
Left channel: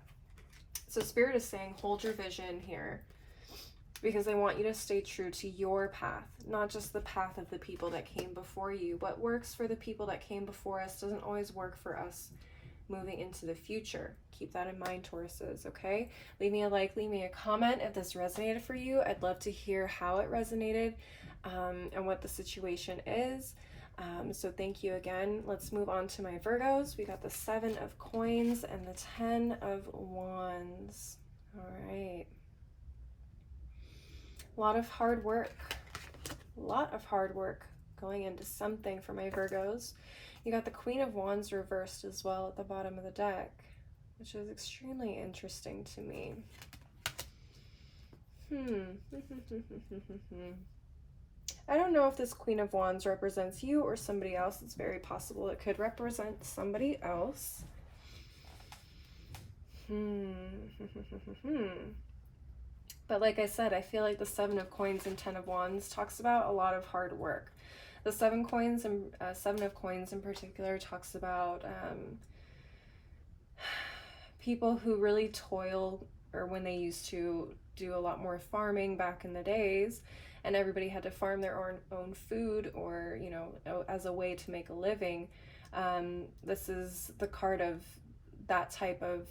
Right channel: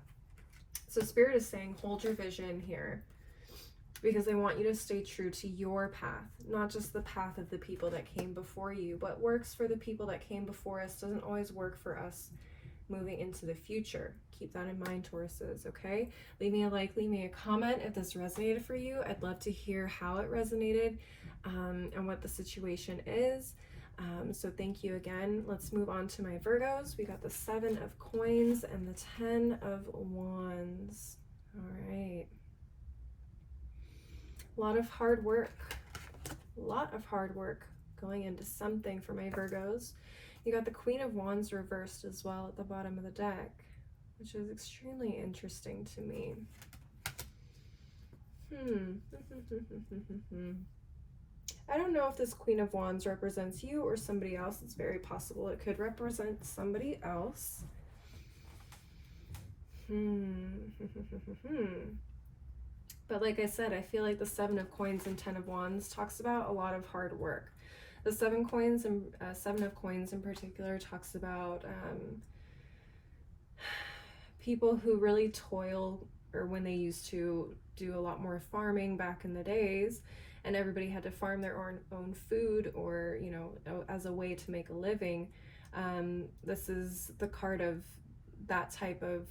So Spirit is saying, hold your vision here, because they want you to stay true to your path, not just the path of the people that came before you. What works for the people that came before us doesn't always work for us moving into the future. Keep that in mind, Tauruses, okay? Leave me a like, leave me a comment if this resonated for you. I'd love to hear how it resonated and what the situation is. So thank you again. Let's move on to my Virgos. We got the 7 of Coins and the 10 of Wands. All right. A lot of hard work. A lot of hard work going into something for my Virgos. You got the Queen of Wands reversed as well at the bottom of the deck, which is extremely interesting to me. I don't know if this Queen of Wands represents you or somebody else. It's very possible it could represent somebody else. But like I said, I feel like the 7 of Coins and 10 of Wands talks about a lot of hard work. The 7 of Coins in particular talks about people who really toil, or when they used to do a lot more farming back in the days, and everybody had to farm their own food, or, you know, as a way to make a living. This is the card of that type of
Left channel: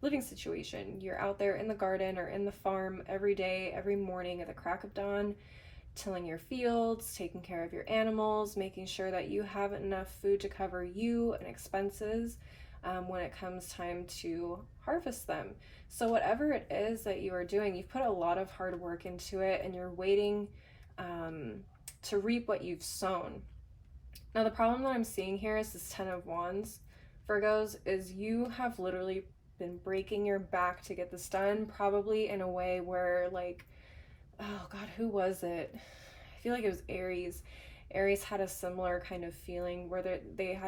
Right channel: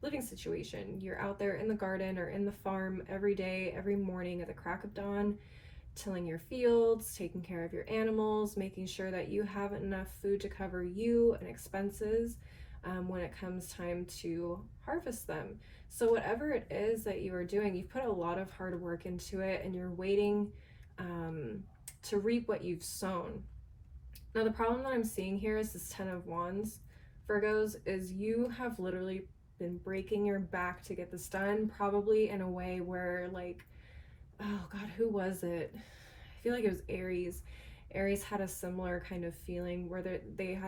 living situation. You're out there in the garden or in the farm every day, every morning at the crack of dawn, tilling your fields, taking care of your animals, making sure that you have enough food to cover you and expenses when it comes time to harvest them. So whatever it is that you are doing, you've put a lot of hard work into it, and you're waiting to reap what you've sown. Now the problem that I'm seeing here is this 10 of Wands, Virgos, is you have literally been breaking your back to get this done, probably in a way where, like, oh God, who was it? I feel like it was Aries. Aries had a similar kind of feeling where they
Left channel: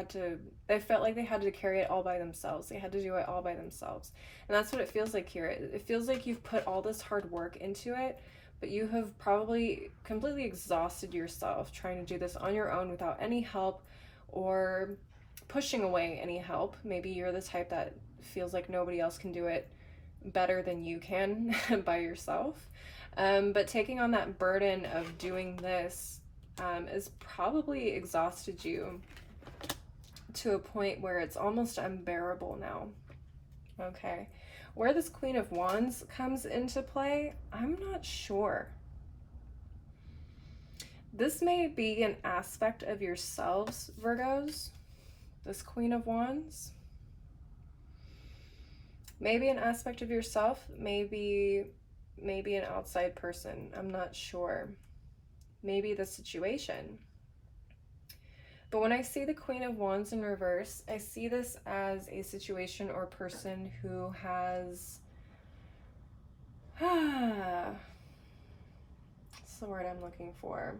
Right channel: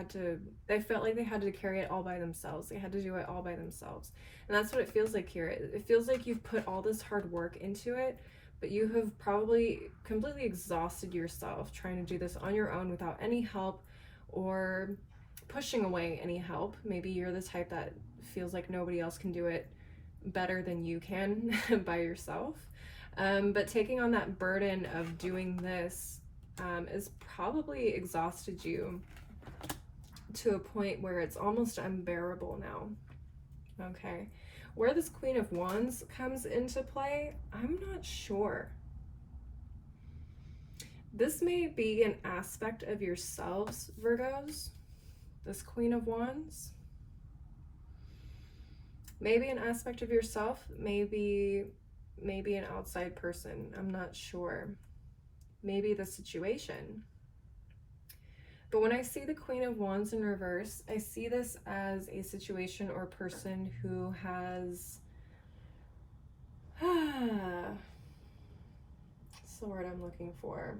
felt like they had to carry it all by themselves. They had to do it all by themselves. And that's what it feels like here. It feels like you've put all this hard work into it, but you have probably completely exhausted yourself trying to do this on your own without any help, or pushing away any help. Maybe you're the type that feels like nobody else can do it better than you can by yourself. But taking on that burden of doing this has probably exhausted you to a point where it's almost unbearable now. Okay, where this Queen of Wands comes into play, I'm not sure. This may be an aspect of yourselves, Virgos, this Queen of Wands. Maybe an aspect of yourself, maybe an outside person, I'm not sure. Maybe the situation. But when I see the Queen of Wands in reverse, I see this as a situation or person who has, what's the word I'm looking for?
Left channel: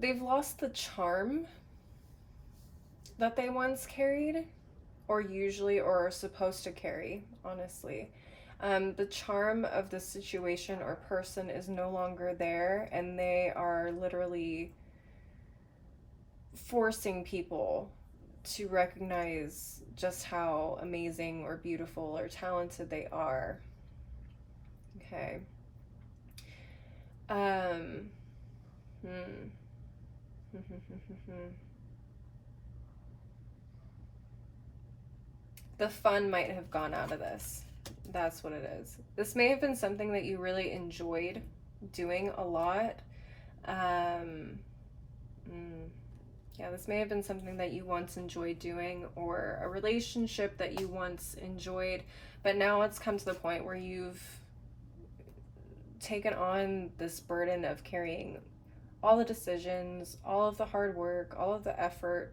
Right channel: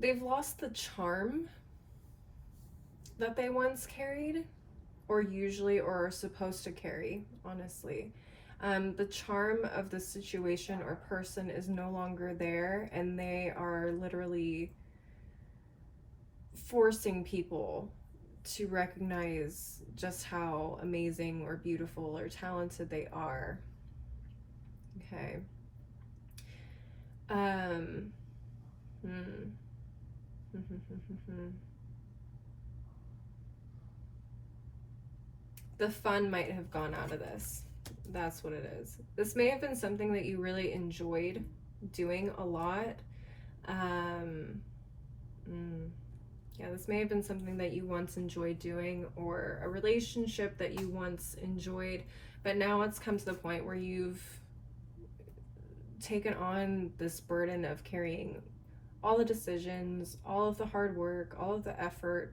They've lost the charm that they once carried, or usually, or are supposed to carry, honestly. The charm of the situation or person is no longer there, and they are literally forcing people to recognize just how amazing or beautiful or talented they are. Okay. The fun might have gone out of this. That's what it is. This may have been something that you really enjoyed doing a lot. Yeah, this may have been something that you once enjoyed doing, or a relationship that you once enjoyed, but now it's come to the point where you've taken on this burden of carrying all the decisions, all of the hard work, all of the effort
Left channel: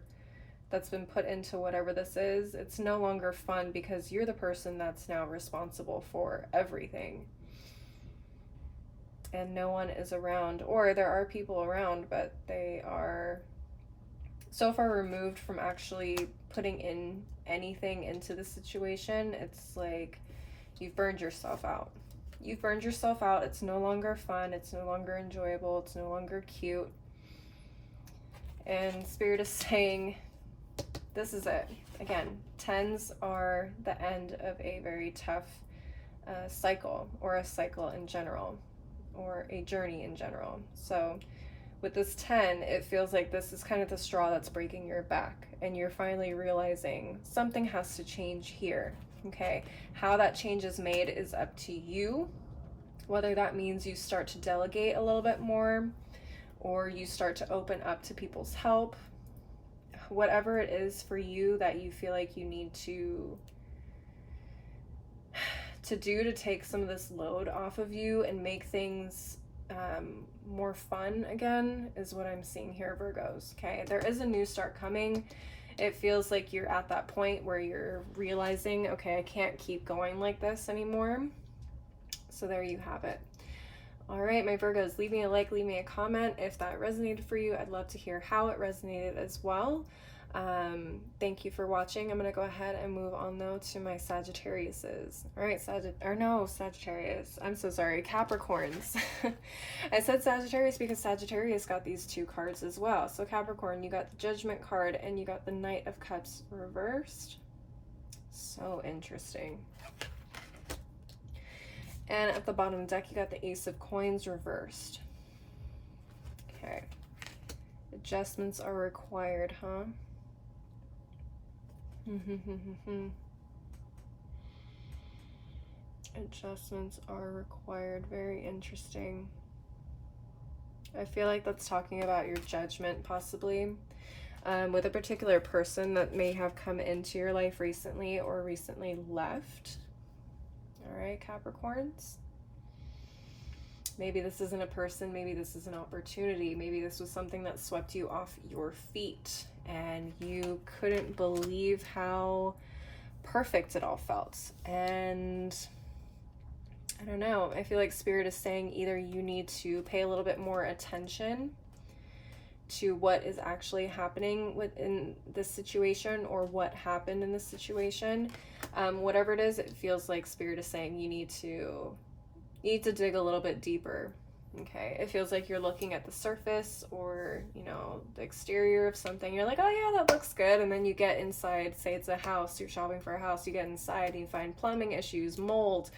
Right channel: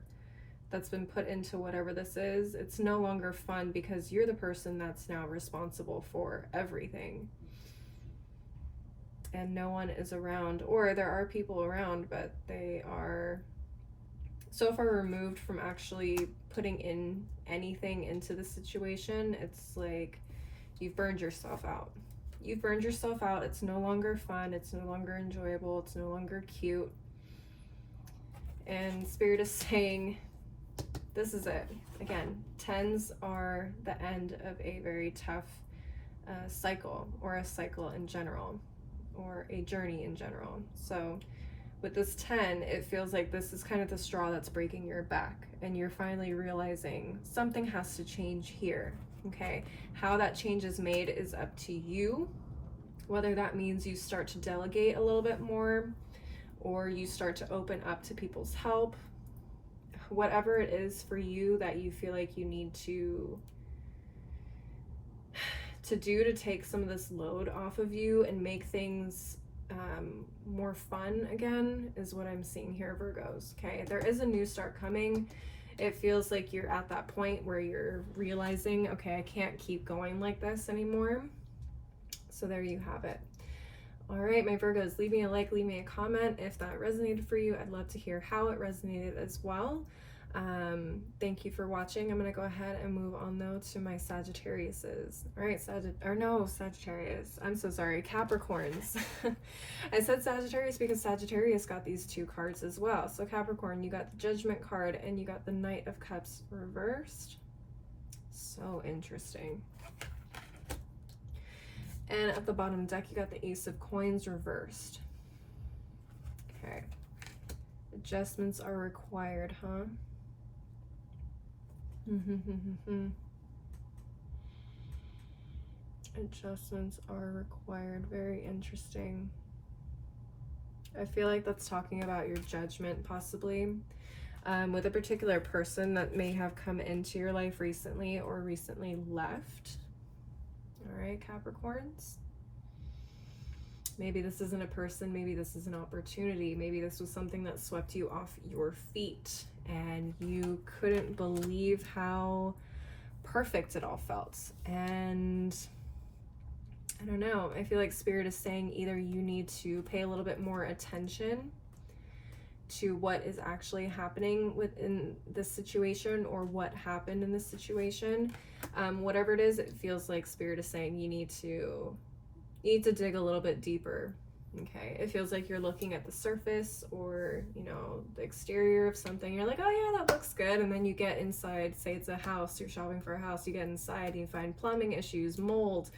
that's been put into whatever this is. It's no longer fun because you're the person that's now responsible for everything. And no one is around, or there are people around, but they are so far removed from actually putting in anything into the situation. It's like you've burned yourself out. You've burned yourself out. It's no longer fun. It's no longer enjoyable. It's no longer cute. And Spirit is saying, this is it. Again, 10s are the end of a very tough cycle, or a cycle in general, or a journey in general. So with this 10, it feels like this is kind of the straw that's breaking your back, and you're finally realizing something has to change here. Okay, how that change is made is up to you, whether that means you start to delegate a little bit more, or you start to open up to people's help. Whatever it is for you that you feel like you need to do to take some of this load off of you and make things more fun again, is what I'm seeing here, Virgos. Okay, there is a new start coming. It feels like you're at that point where you're realizing, okay, I can't keep going like this anymore. So there you have it. All right, my Virgos, leave me a like, leave me a comment if that resonated for you. I'd love to hear how it resonated as well. Thank you for watching. I'm going to go ahead and move on though to my Sagittariuses. All right, Sagittarius. I'm so sorry, Capricorns. I said Sagittarius because Sagittarius got these two cards as well. So Capricorn, you got the Judgment card and you got the Knight of Cups reversed. So interesting. And at the bottom of the deck, you got the Ace of Coins reversed. Okay. Adjustments are required, huh? Adjustments are required. Very interesting. I feel like that's talking about your judgment, possibly, with a particular person that may have come into your life recently or recently left. All right, Capricorns. Maybe this isn't a person, maybe this is an opportunity, maybe this was something that swept you off your feet and you couldn't believe how perfect it all felt. And I don't know, I feel like Spirit is saying either you need to pay a little bit more attention to what is actually happening within this situation, or what happened in this situation. Whatever it is, it feels like Spirit is saying you need to dig a little bit deeper. Okay, it feels like you're looking at the surface, or you know, the exterior of something. You're like, oh yeah, that looks good, and then you get inside. Say it's a house, you're shopping for a house. You get inside, and you find plumbing issues, mold,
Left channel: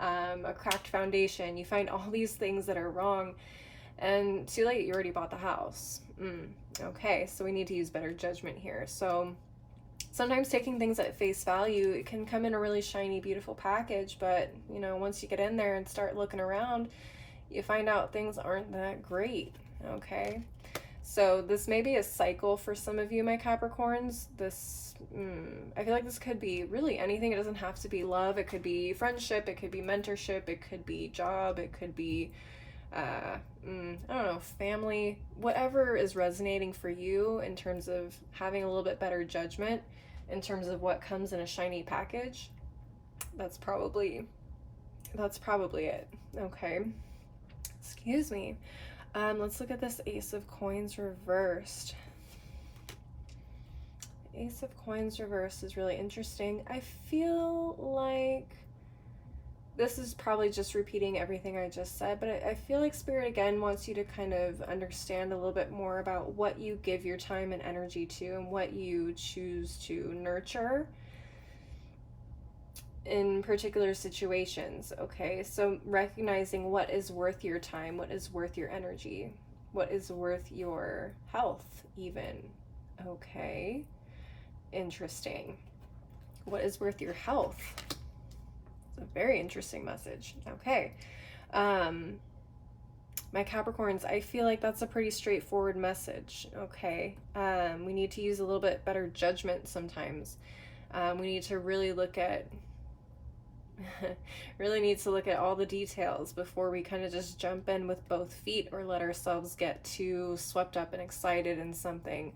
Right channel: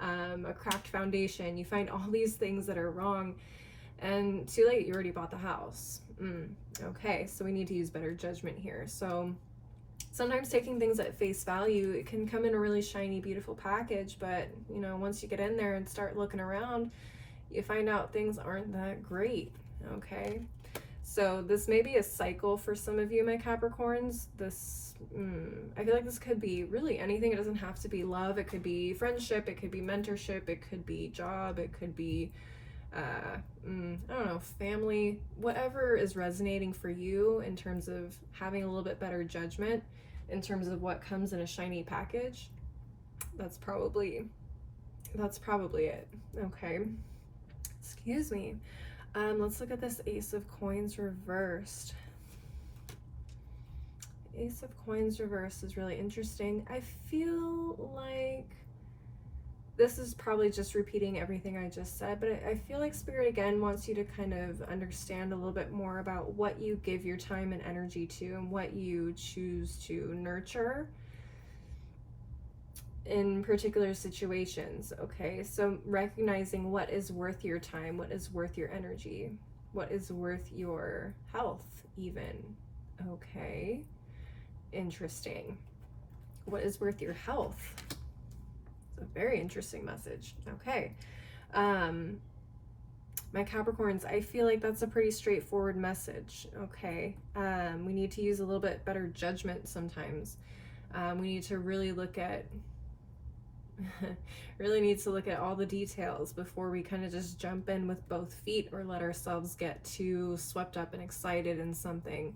a cracked foundation. You find all these things that are wrong, and too late. You already bought the house. Okay, so we need to use better judgment here. So sometimes taking things at face value, it can come in a really shiny, beautiful package, but you know, once you get in there and start looking around, you find out things aren't that great. Okay, so this may be a cycle for some of you, my Capricorns. This I feel like this could be really anything. It doesn't have to be love. It could be friendship, it could be mentorship, it could be job, it could be I don't know, family, whatever is resonating for you in terms of having a little bit better judgment in terms of what comes in a shiny package. That's probably it. Okay, excuse me. Let's look at this Ace of Coins reversed. Ace of Coins reversed is really interesting. I feel like this is probably just repeating everything I just said, but I feel like Spirit again wants you to kind of understand a little bit more about what you give your time and energy to, and what you choose to nurture in particular situations. Okay, so recognizing what is worth your time, what is worth your energy, what is worth your health even. Okay, interesting. What is worth your health? A very interesting message. Okay, my Capricorns, I feel like that's a pretty straightforward message. Okay, we need to use a little bit better judgment sometimes. We need to really look at all the details before we kind of just jump in with both feet, or let ourselves get too swept up and excited in something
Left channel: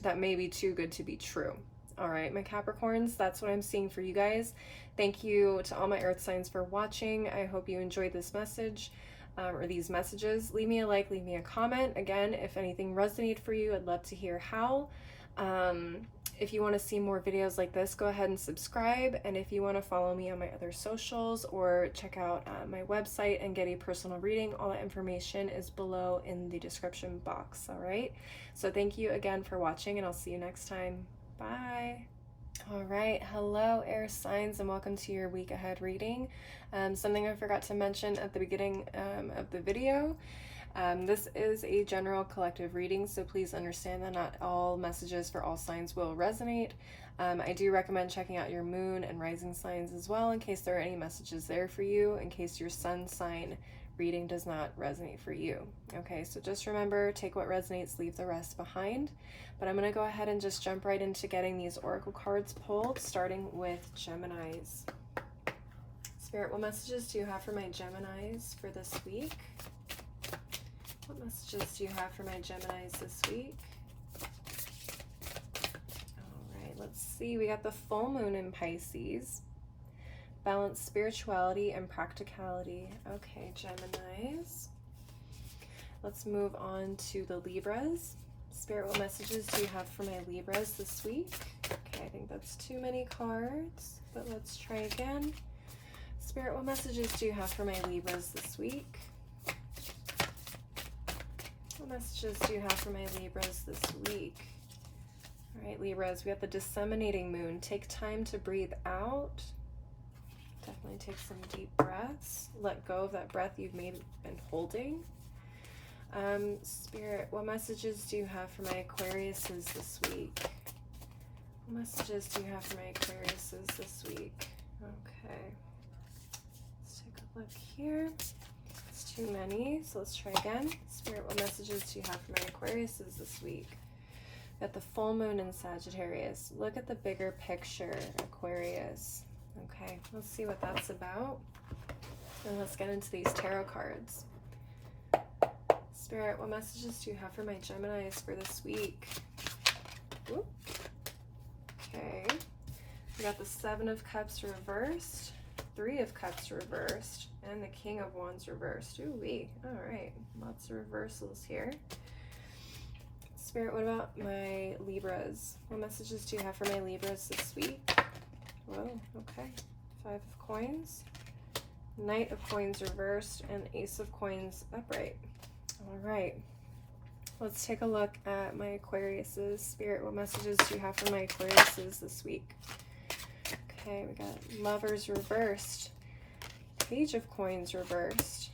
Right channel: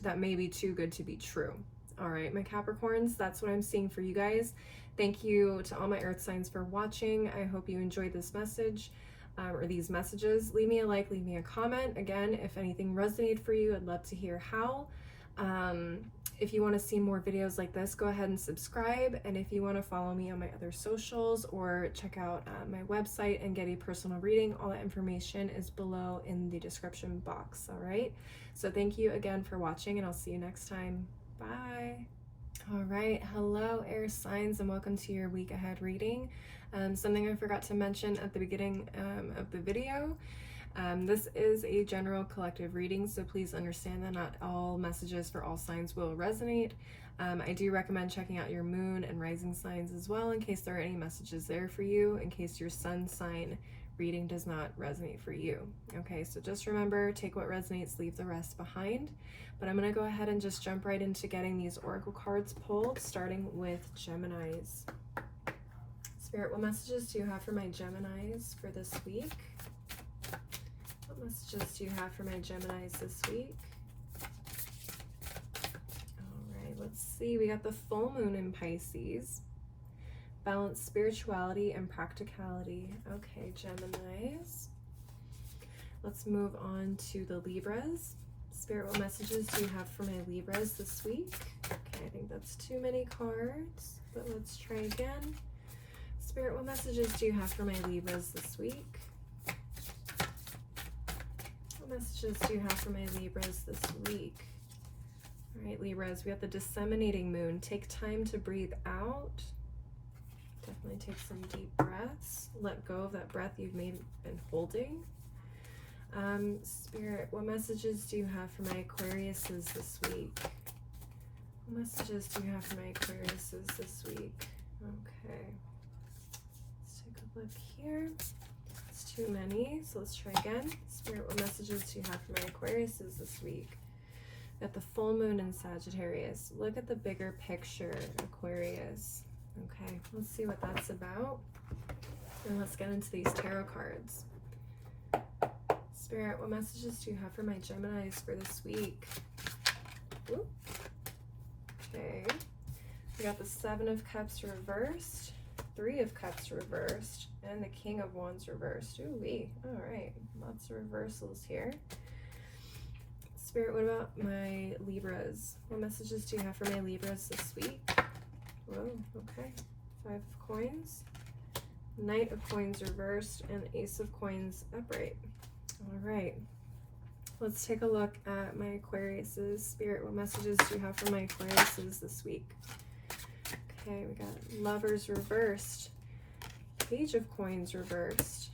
that may be too good to be true. All right, my Capricorns, that's what I'm seeing for you guys. Thank you to all my earth signs for watching. I hope you enjoyed this message, or these messages. Leave me a like, leave me a comment. Again, if anything resonated for you, I'd love to hear how. If you want to see more videos like this, go ahead and subscribe. And if you want to follow me on my other socials or check out my website and get a personal reading, all that information is below in the description box. All right. So thank you again for watching, and I'll see you next time. Bye. All right. Hello, air signs, and welcome to your week ahead reading. Something I forgot to mention at the beginning of the video. This is a general collective reading, so please understand that not all messages for all signs will resonate. I do recommend checking out your moon and rising signs as well, in case there are any messages there for you, in case your sun sign reading does not resonate for you. Okay, so just remember, take what resonates, leave the rest behind. But I'm going to go ahead and just jump right into getting these oracle cards pulled, starting with Geminis. Spirit, what messages do you have for my Geminis for this week? What messages do you have for my Geminis this week? All right, let's see. We got the full moon in Pisces. Balance spirituality and practicality. Okay, Geminis. Let's move on to the Libras. Spirit, what messages do you have for my Libras this week? Okay, I think that's too many cards, but let's try again. Spirit, what messages do you have for my Libras this week? What messages do you have for my Libras this week? All right, Libras, we have the disseminating moon. Take time to breathe out. Definitely take some deep breaths. Let go of that breath you've been holding. Spirit, what messages do you have for my Aquariuses this week? What messages do you have for my Aquariuses this week? Okay. Let's take a look here. It's too many, so let's try again. Spirit, what messages do you have for my Aquariuses this week? At the full moon in Sagittarius. Look at the bigger picture, Aquarius. Okay, let's see what that's about. And let's get into these tarot cards. Spirit, what messages do you have for my Geminis for this week? Ooh. Okay. We got the Seven of Cups reversed, Three of Cups reversed, and the King of Wands reversed. Ooh-wee. All right. Lots of reversals here. Spirit, what about my Libras? What messages do you have for my Libras this week? Whoa, okay. Five of Coins, Knight of Coins reversed, and Ace of Coins upright. All right. Let's take a look at my Aquariuses. Spirit, what messages do you have for my Aquariuses this week? Okay, we got Lovers reversed, Page of Coins reversed,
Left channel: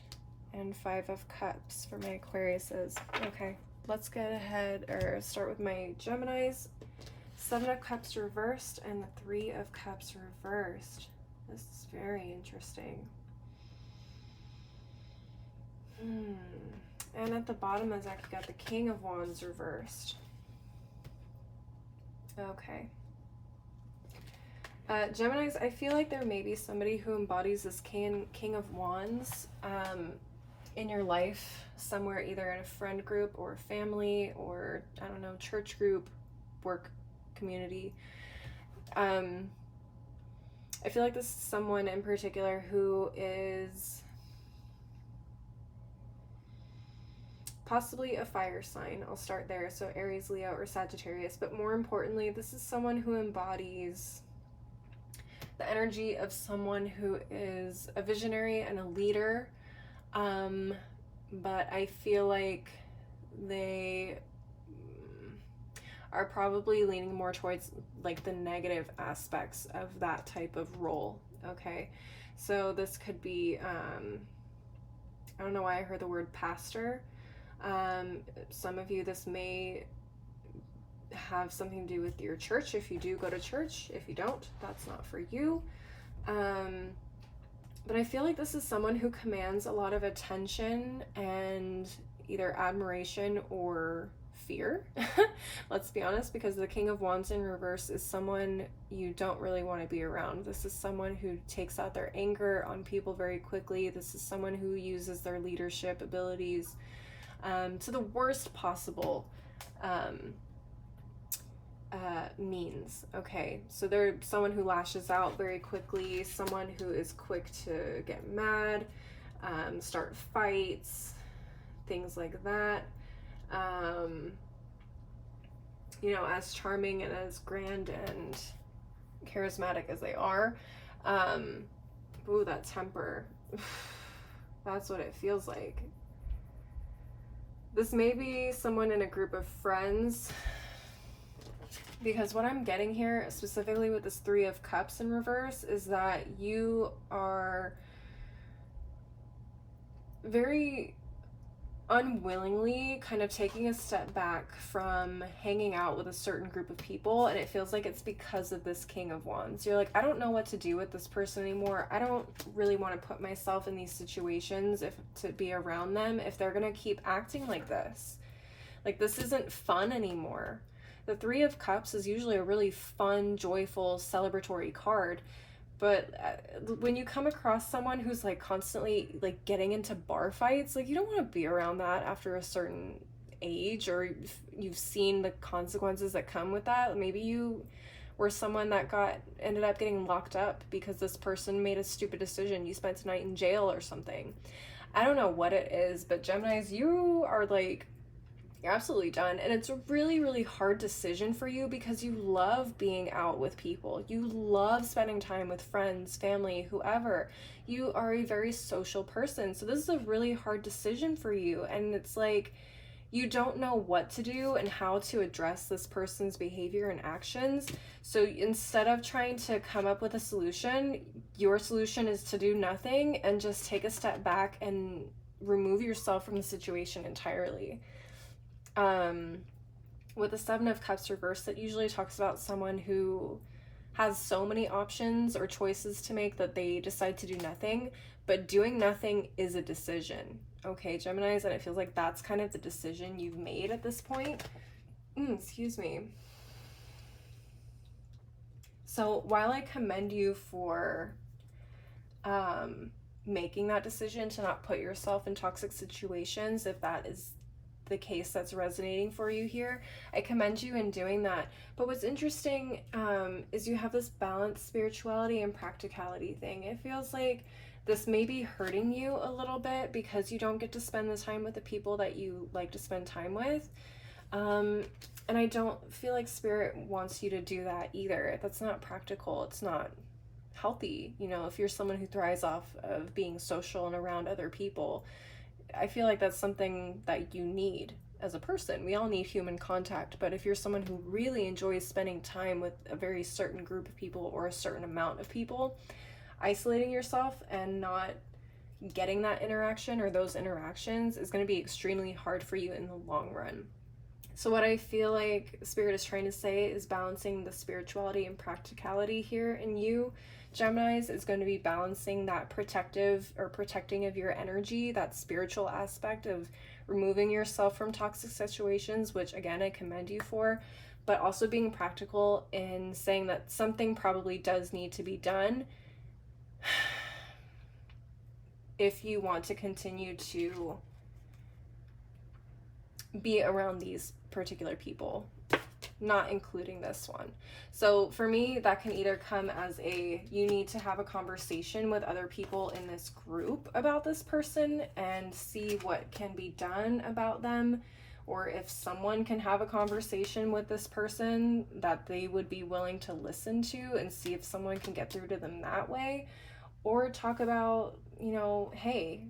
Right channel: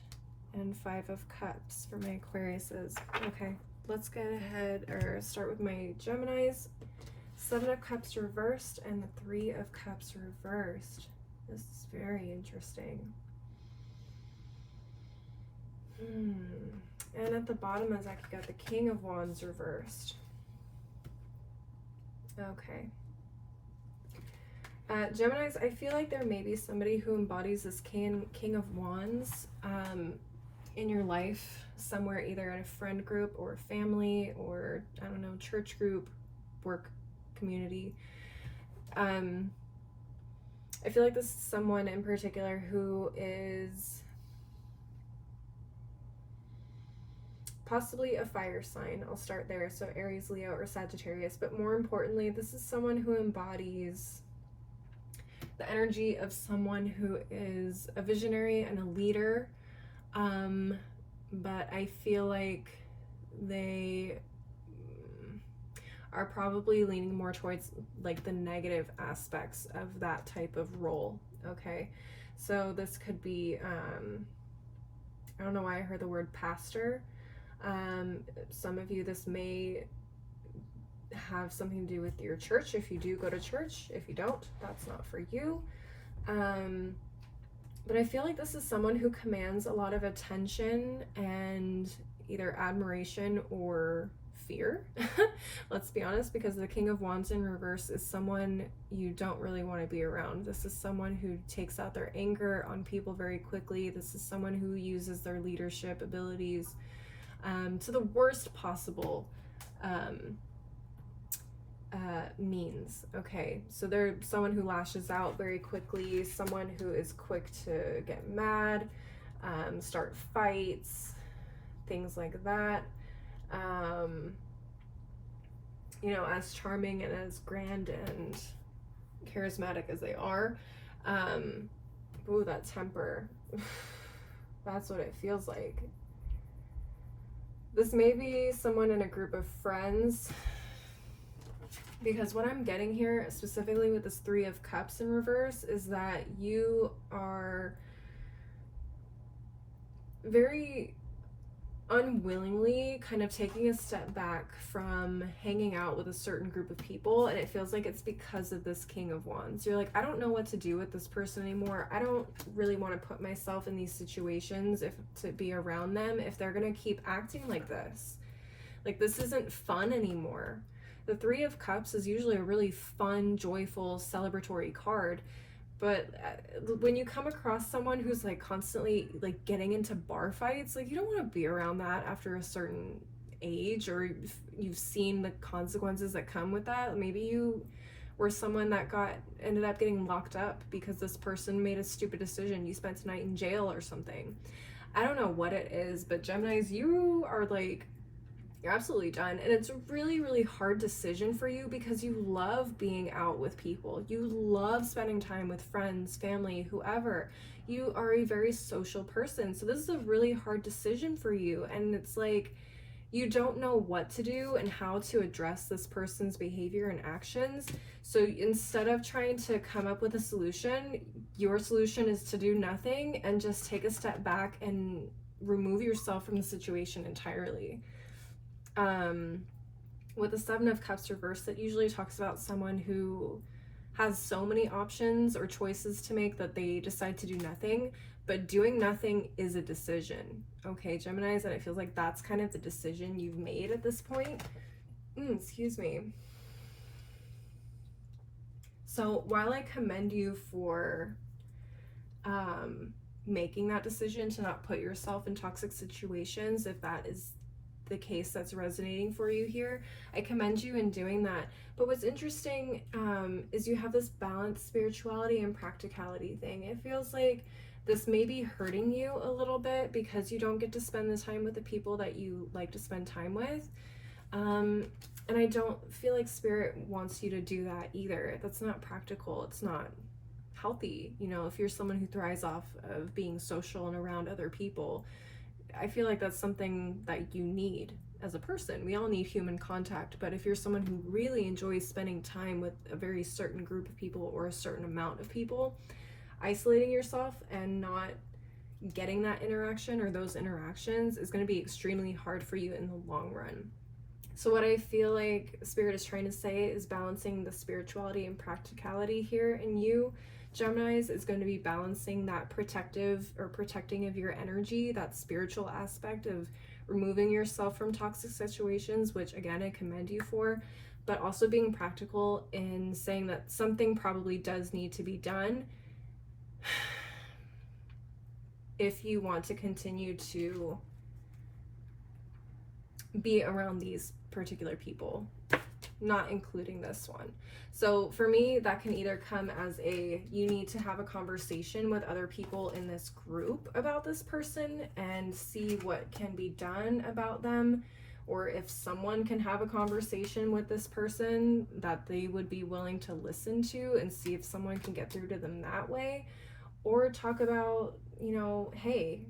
and Five of Cups for my Aquariuses. Okay, let's go ahead or start with my Geminis. Seven of Cups reversed and the Three of Cups reversed. This is very interesting. And at the bottom is I got the King of Wands reversed. Okay. Geminis, I feel like there may be somebody who embodies this King of Wands in your life somewhere, either in a friend group or family or, I don't know, church group, work community. I feel like this is someone in particular who is possibly a fire sign. I'll start there. So Aries, Leo, or Sagittarius. But more importantly, this is someone who embodies the energy of someone who is a visionary and a leader. But I feel like they are probably leaning more towards like the negative aspects of that type of role. Okay, so this could be I don't know why I heard the word pastor. Some of you, this may have something to do with your church if you do go to church. If you don't, that's not for you. But I feel like this is someone who commands a lot of attention and either admiration or fear. Let's be honest, because the King of Wands in reverse is someone you don't really want to be around. This is someone who takes out their anger on people very quickly. This is someone who uses their leadership abilities to the worst possible means. Okay, so they're someone who lashes out very quickly, someone who is quick to get mad, start fights, things like that. you know, as charming and as grand and charismatic as they are. Ooh, that temper. That's what it feels like. This may be someone in a group of friends, because what I'm getting here, specifically with this Three of Cups in reverse, is that you are very unwillingly kind of taking a step back from hanging out with a certain group of people, and it feels like it's because of this King of Wands. You're like, I don't know what to do with this person anymore. I don't really want to put myself in these situations to be around them if they're gonna keep acting like this. Like, this isn't fun anymore. The Three of Cups is usually a really fun, joyful, celebratory card. But when you come across someone who's like constantly like getting into bar fights, like, you don't want to be around that after a certain age, or you've seen the consequences that come with that. Maybe you were someone that ended up getting locked up because this person made a stupid decision. You spent a night in jail or something. I don't know what it is, but Geminis, you are like, you're absolutely done. And it's a really, really hard decision for you because you love being out with people. You love spending time with friends, family, whoever. You are a very social person. So this is a really hard decision for you. And it's like, you don't know what to do and how to address this person's behavior and actions. So instead of trying to come up with a solution, your solution is to do nothing and just take a step back and remove yourself from the situation entirely. With the Seven of Cups reversed, that usually talks about someone who has so many options or choices to make that they decide to do nothing, but doing nothing is a decision. Okay, Geminis, and it feels like that's kind of the decision you've made at this point. Excuse me. So while I commend you for making that decision to not put yourself in toxic situations, if that is the case that's resonating for you here, I commend you in doing that. But what's interesting is you have this balanced spirituality and practicality thing. It feels like this may be hurting you a little bit because you don't get to spend the time with the people that you like to spend time with. And I don't feel like Spirit wants you to do that either. That's not practical. It's not healthy. You know, if you're someone who thrives off of being social and around other people, I feel like that's something that you need as a person. We all need human contact, but if you're someone who really enjoys spending time with a very certain group of people or a certain amount of people, isolating yourself and not getting that interaction or those interactions is going to be extremely hard for you in the long run. So what I feel like Spirit is trying to say is balancing the spirituality and practicality here in you, Geminis, is going to be balancing that protecting of your energy, that spiritual aspect of removing yourself from toxic situations, which again, I commend you for, but also being practical in saying that something probably does need to be done if you want to continue to be around these particular people, not including this one. So for me, that can either come as you need to have a conversation with other people in this group about this person and see what can be done about them, or if someone can have a conversation with this person that they would be willing to listen to and see if someone can get through to them that way, or talk about, you know, hey,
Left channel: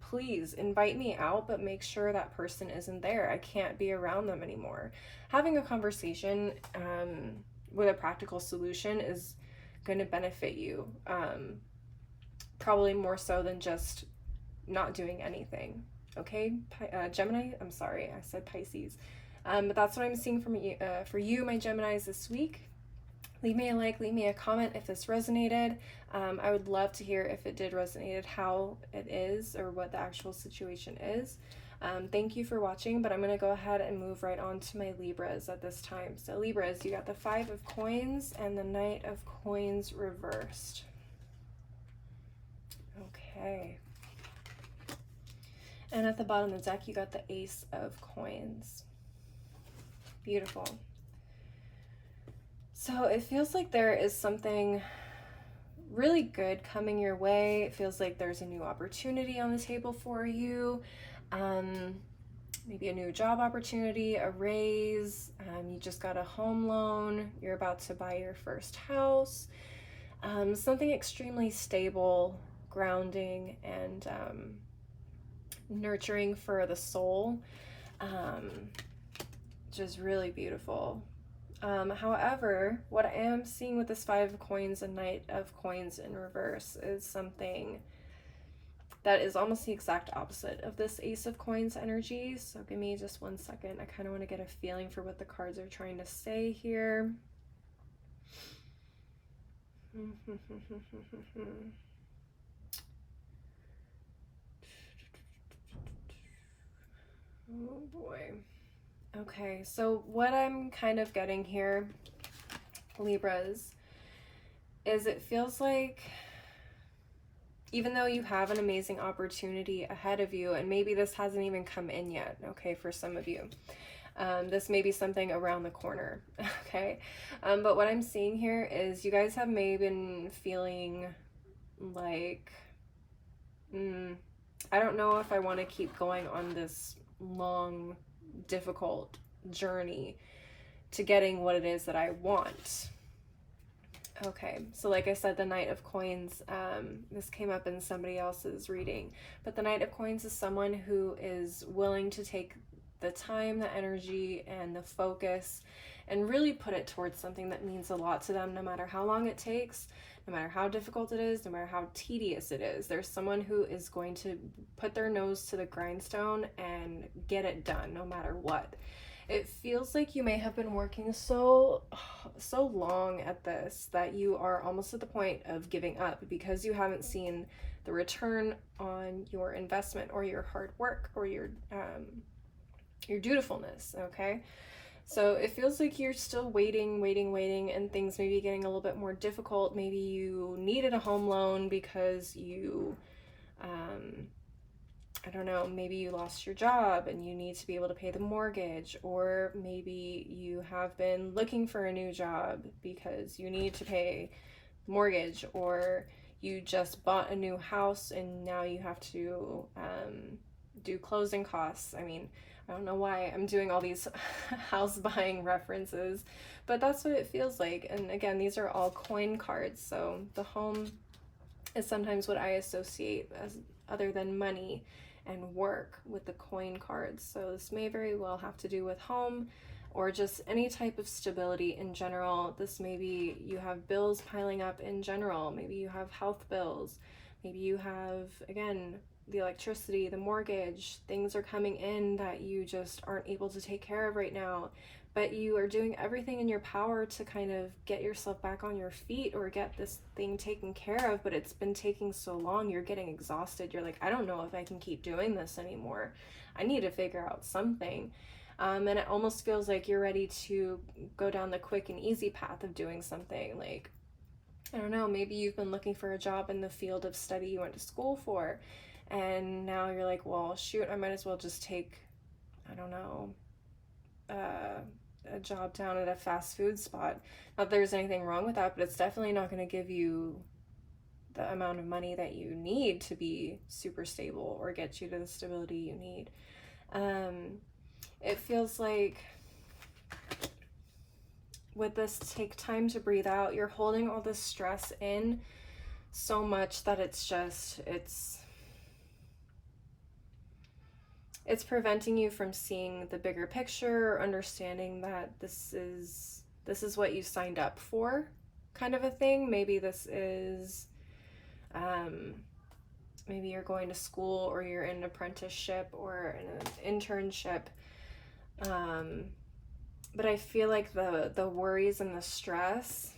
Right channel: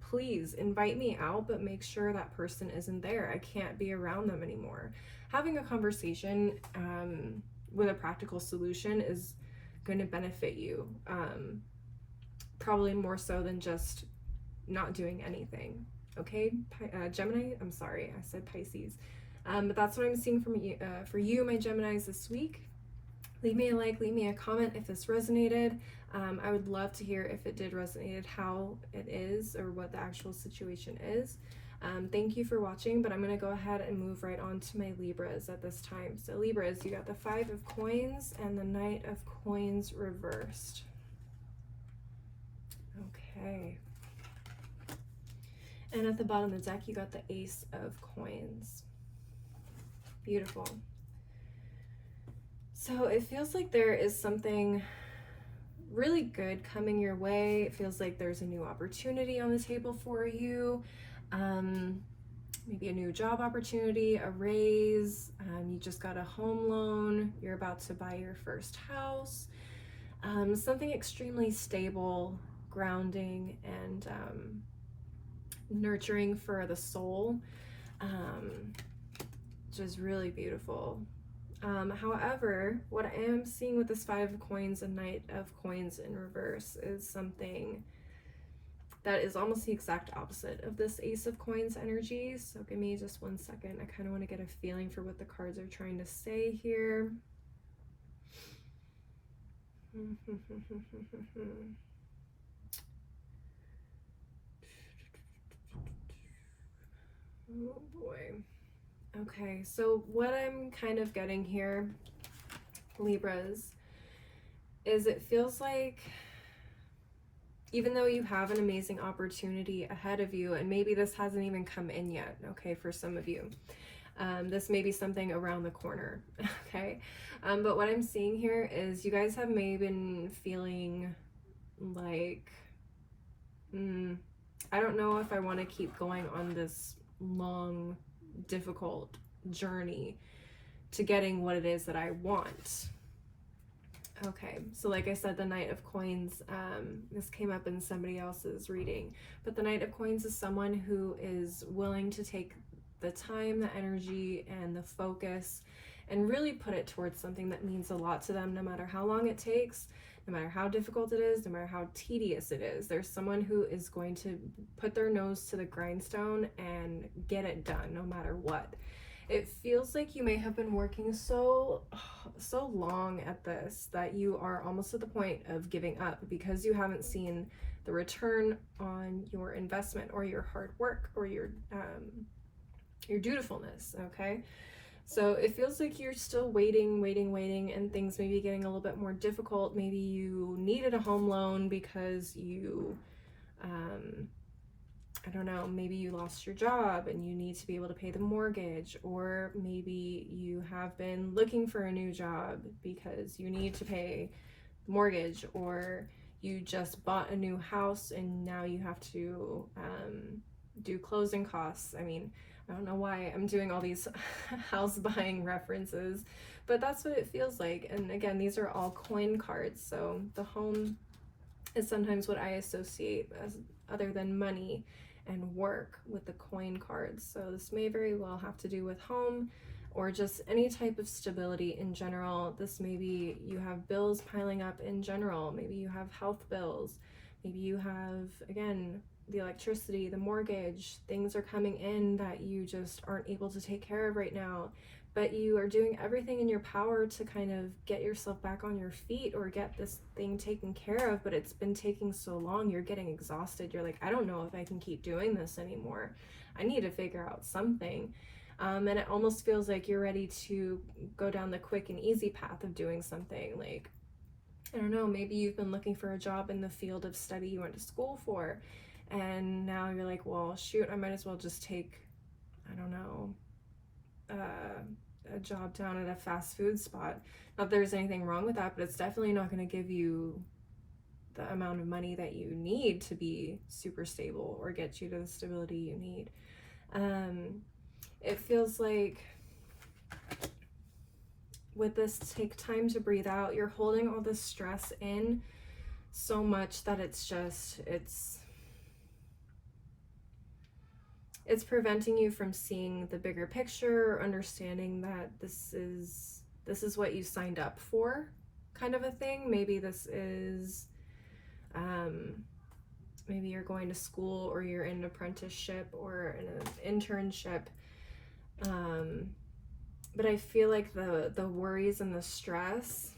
please invite me out, but make sure that person isn't there. I can't be around them anymore. Having a conversation with a practical solution is going to benefit you, probably more so than just not doing anything. Okay, Gemini, I'm sorry, I said Pisces. But that's what I'm seeing from you, for you, my Geminis, this week. Leave me a like, leave me a comment if this resonated. I would love to hear if it did resonate, how it is, or what the actual situation is. Thank you for watching, but I'm going to go ahead and move right on to my Libras at this time. So Libras, you got the Five of Coins and the Knight of Coins reversed. Okay. And at the bottom of the deck, you got the Ace of Coins. Beautiful. So it feels like there is something really good coming your way. It feels like there's a new opportunity on the table for you. maybe a new job opportunity, a raise, you just got a home loan, you're about to buy your first house, something extremely stable, grounding, and nurturing for the soul, which is really beautiful. However, what I am seeing with this Five of Coins and Knight of Coins in reverse is something that is almost the exact opposite of this Ace of Coins energy. So give me just 1 second. I kind of want to get a feeling for what the cards are trying to say here. Oh boy. Okay, so what I'm kind of getting here, Libras, is it feels like even though you have an amazing opportunity ahead of you, and maybe this hasn't even come in yet, okay, for some of you, this may be something around the corner, okay, but what I'm seeing here is you guys have maybe been feeling like, I don't know if I want to keep going on this long, difficult journey to getting what it is that I want. Okay, so like I said, the Knight of Coins, this came up in somebody else's reading, but the Knight of Coins is someone who is willing to take the time, the energy, and the focus and really put it towards something that means a lot to them, no matter how long it takes, no matter how difficult it is, no matter how tedious it is. There's someone who is going to put their nose to the grindstone and get it done, no matter what. It feels like you may have been working so long at this that you are almost at the point of giving up because you haven't seen the return on your investment or your hard work or your dutifulness, okay? So it feels like you're still waiting, and things may be getting a little bit more difficult. Maybe you needed a home loan because you, I don't know, maybe you lost your job and you need to be able to pay the mortgage, or maybe you have been looking for a new job because you need to pay the mortgage, or you just bought a new house and now you have to do closing costs. I mean, I don't know why I'm doing all these house buying references, but that's what it feels like. And again, these are all coin cards, so the home is sometimes what I associate as other than money and work with the coin cards. So this may very well have to do with home or just any type of stability in general. This may be you have bills piling up in general. Maybe you have health bills. Maybe you have, again, the electricity, the mortgage, things are coming in that you just aren't able to take care of right now, but you are doing everything in your power to kind of get yourself back on your feet or get this thing taken care of, but it's been taking so long, you're getting exhausted. You're like, I don't know if I can keep doing this anymore. I need to figure out something. And it almost feels like you're ready to go down the quick and easy path of doing something. Like, I don't know, maybe you've been looking for a job in the field of study you went to school for, and now you're like, well, shoot, I might as well just take, I don't know, a job down at a fast food spot. Not that there's anything wrong with that, but it's definitely not going to give you the amount of money that you need to be super stable or get you to the stability you need. It feels like with this, take time to breathe out. You're holding all this stress in so much that it's preventing you from seeing the bigger picture, or understanding that this is what you signed up for, kind of a thing. Maybe this is, maybe you're going to school, or you're in an apprenticeship or in an internship. But I feel like the worries and the stress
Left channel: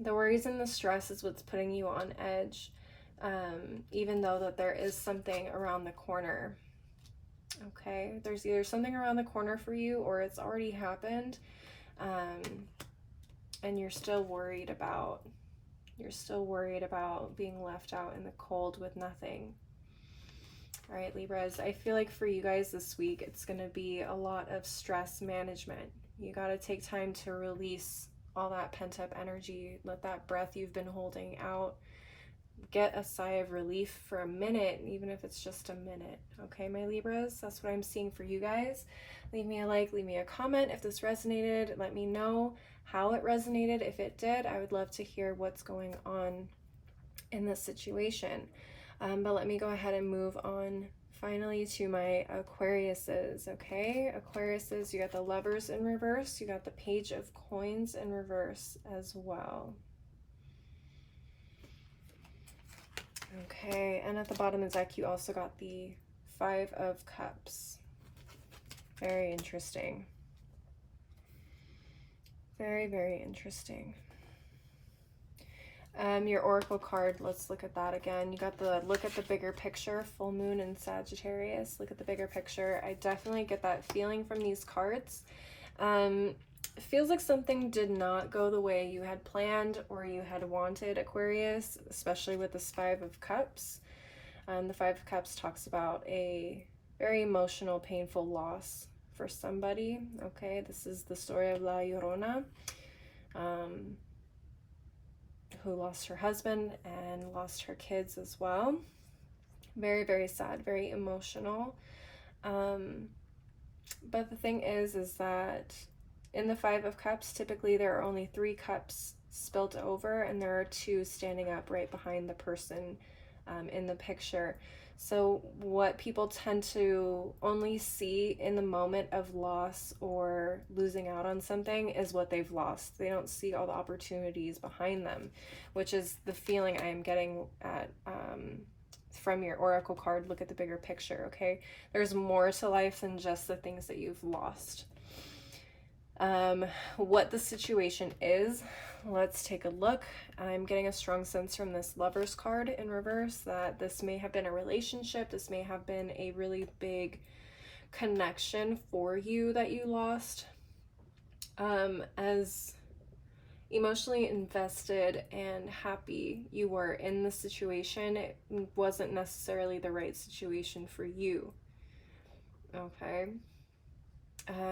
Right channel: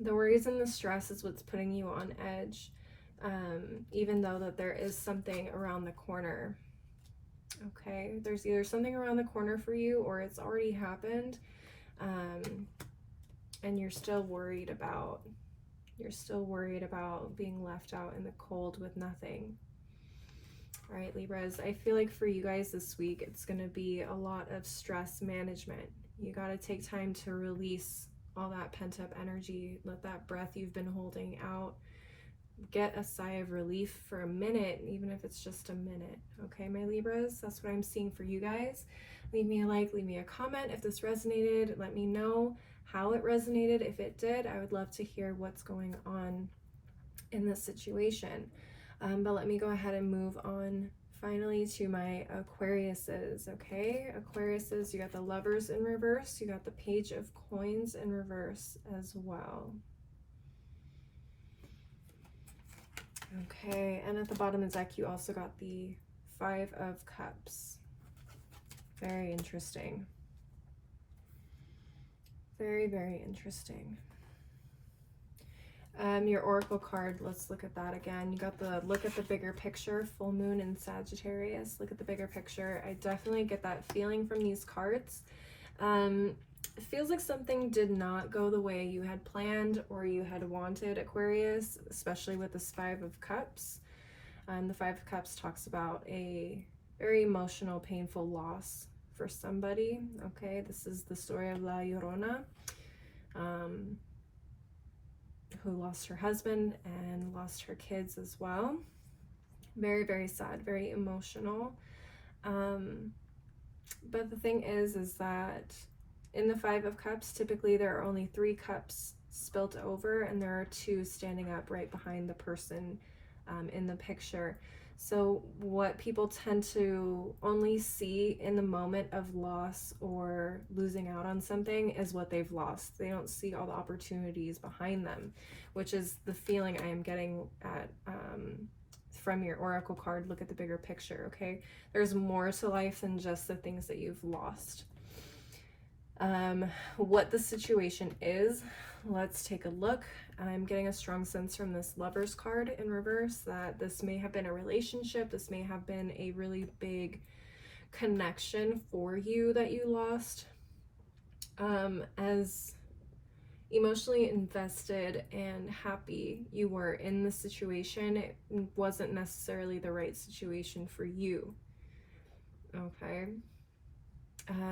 is what's putting you on edge, even though that there is something around the corner. Okay, there's either something around the corner for you, or it's already happened, and you're still worried about being left out in the cold with nothing. All right, Libras, I feel like for you guys this week, it's going to be a lot of stress management. You got to take time to release all that pent up energy. Let that breath you've been holding out get a sigh of relief for a minute, even if it's just a minute. Okay, my Libras, that's what I'm seeing for you guys. Leave me a like, leave me a comment if this resonated. Let me know how it resonated. If it did, I would love to hear what's going on in this situation. But let me go ahead and move on finally to my Aquariuses. Okay, Aquariuses, you got the Lovers in reverse, you got the Page of Coins in reverse as well. Okay, and at the bottom of the deck you also got the Five of Cups. Very interesting. Very, very interesting. Your oracle card, let's look at that again. You got the look at the bigger picture, full moon in Sagittarius. Look at the bigger picture. I definitely get that feeling from these cards. It feels like something did not go the way you had planned or you had wanted, Aquarius, especially with this Five of Cups. The Five of Cups talks about a very emotional, painful loss for somebody. Okay, this is the story of La Llorona, who lost her husband and lost her kids as well. Very, very sad, very emotional. But the thing is that in the Five of Cups, typically there are only 3 cups spilt over, and there are 2 standing up right behind the person in the picture. So what people tend to only see in the moment of loss or losing out on something is what they've lost. They don't see all the opportunities behind them, which is the feeling I am getting at from your oracle card. Look at the bigger picture, okay? There's more to life than just the things that you've lost. What the situation is, let's take a look. I'm getting a strong sense from this Lovers card in reverse that this may have been a relationship. This may have been a really big connection for you that you lost. As emotionally invested and happy you were in the situation, it wasn't necessarily the right situation for you. Okay.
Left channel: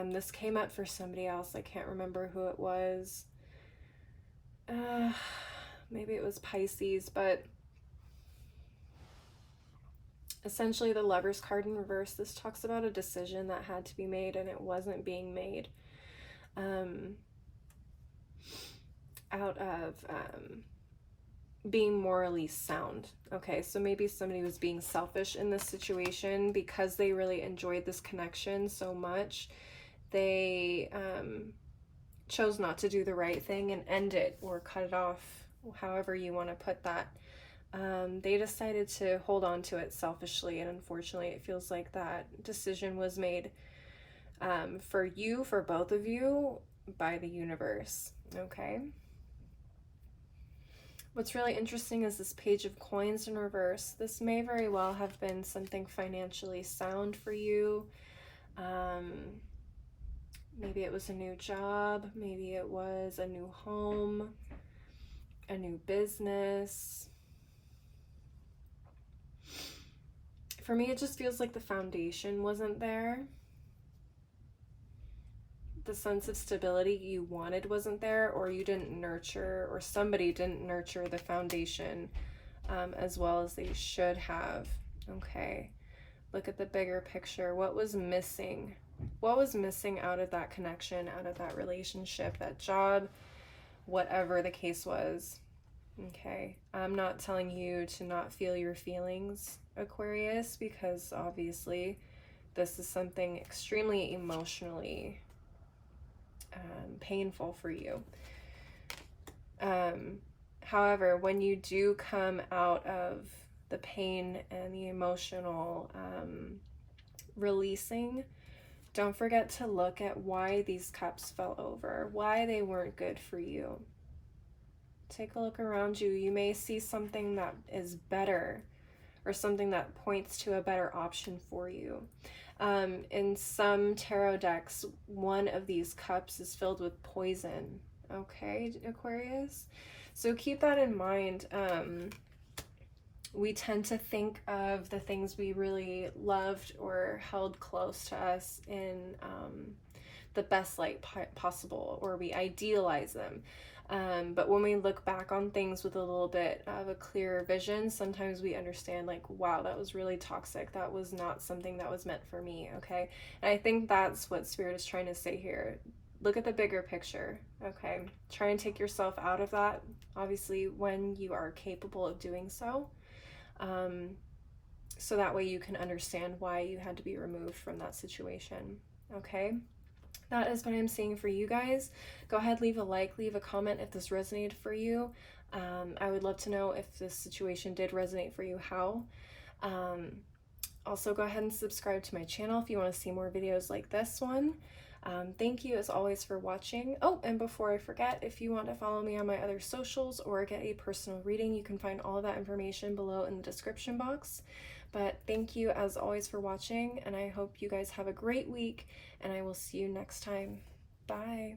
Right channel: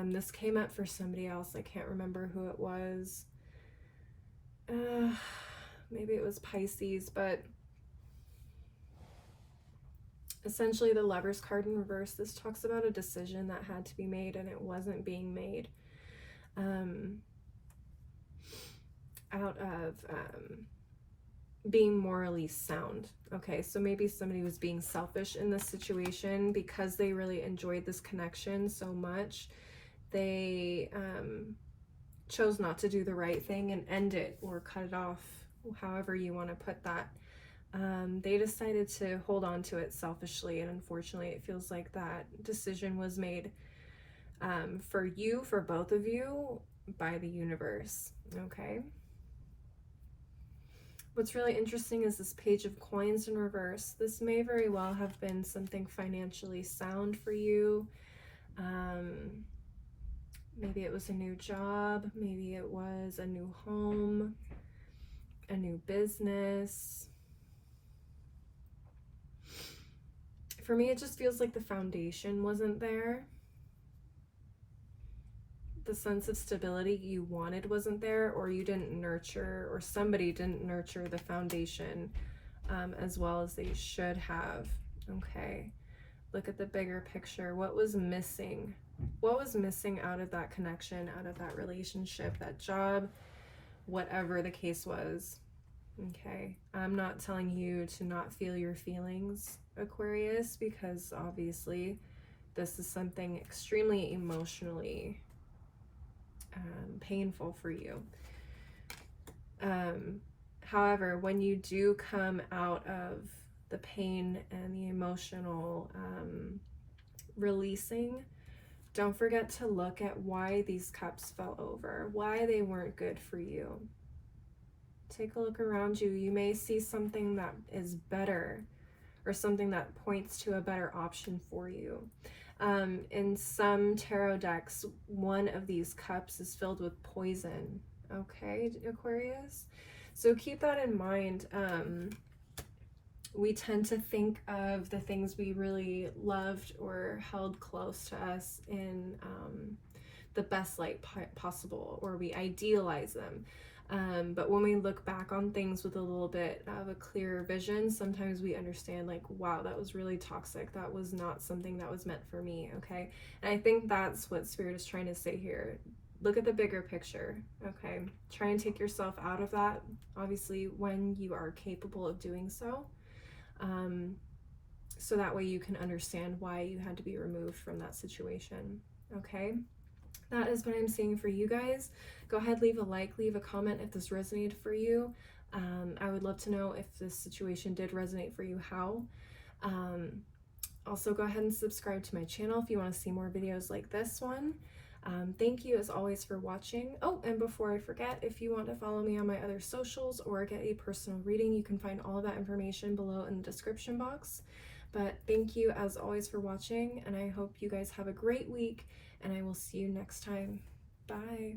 This came up for somebody else. I can't remember who it was. Maybe it was Pisces, but essentially the Lovers card in reverse, this talks about a decision that had to be made and it wasn't being made out of being morally sound. Okay, so maybe somebody was being selfish in this situation because they really enjoyed this connection so much. They chose not to do the right thing and end it or cut it off, however you want to put that. They decided to hold on to it selfishly, and unfortunately it feels like that decision was made for you, for both of you, by the universe. Okay. What's really interesting is this Page of Coins in reverse. This may very well have been something financially sound for you. Maybe it was a new job, maybe it was a new home, a new business. For me, it just feels like the foundation wasn't there. The sense of stability you wanted wasn't there, or you didn't nurture, or somebody didn't nurture the foundation as well as they should have. Okay, look at the bigger picture. What was missing? What was missing out of that connection, out of that relationship, that job, whatever the case was? Okay, I'm not telling you to not feel your feelings, Aquarius, because obviously this is something extremely emotionally painful for you. However, when you do come out of the pain and the emotional releasing, don't forget to look at why these cups fell over, why they weren't good for you. Take a look around you. You may see something that is better, or something that points to a better option for you. In some tarot decks, one of these cups is filled with poison. Okay, Aquarius? So keep that in mind. We tend to think of the things we really loved or held close to us in the best light possible, or we idealize them. But when we look back on things with a little bit of a clearer vision, sometimes we understand like, wow, that was really toxic. That was not something that was meant for me, okay? And I think that's what Spirit is trying to say here. Look at the bigger picture, okay? Try and take yourself out of that, obviously, when you are capable of doing so. So that way you can understand why you had to be removed from that situation, okay? That is what I'm seeing for you guys. Go ahead, leave a like, leave a comment if this resonated for you. I would love to know if this situation did resonate for you, how. Also, go ahead and subscribe to my channel if you want to see more videos like this one. Thank you as always for watching. Oh, and before I forget, if you want to follow me on my other socials or get a personal reading, you can find all of that information below in the description box. But thank you as always for watching, and I hope you guys have a great week, and I will see you next time. Bye.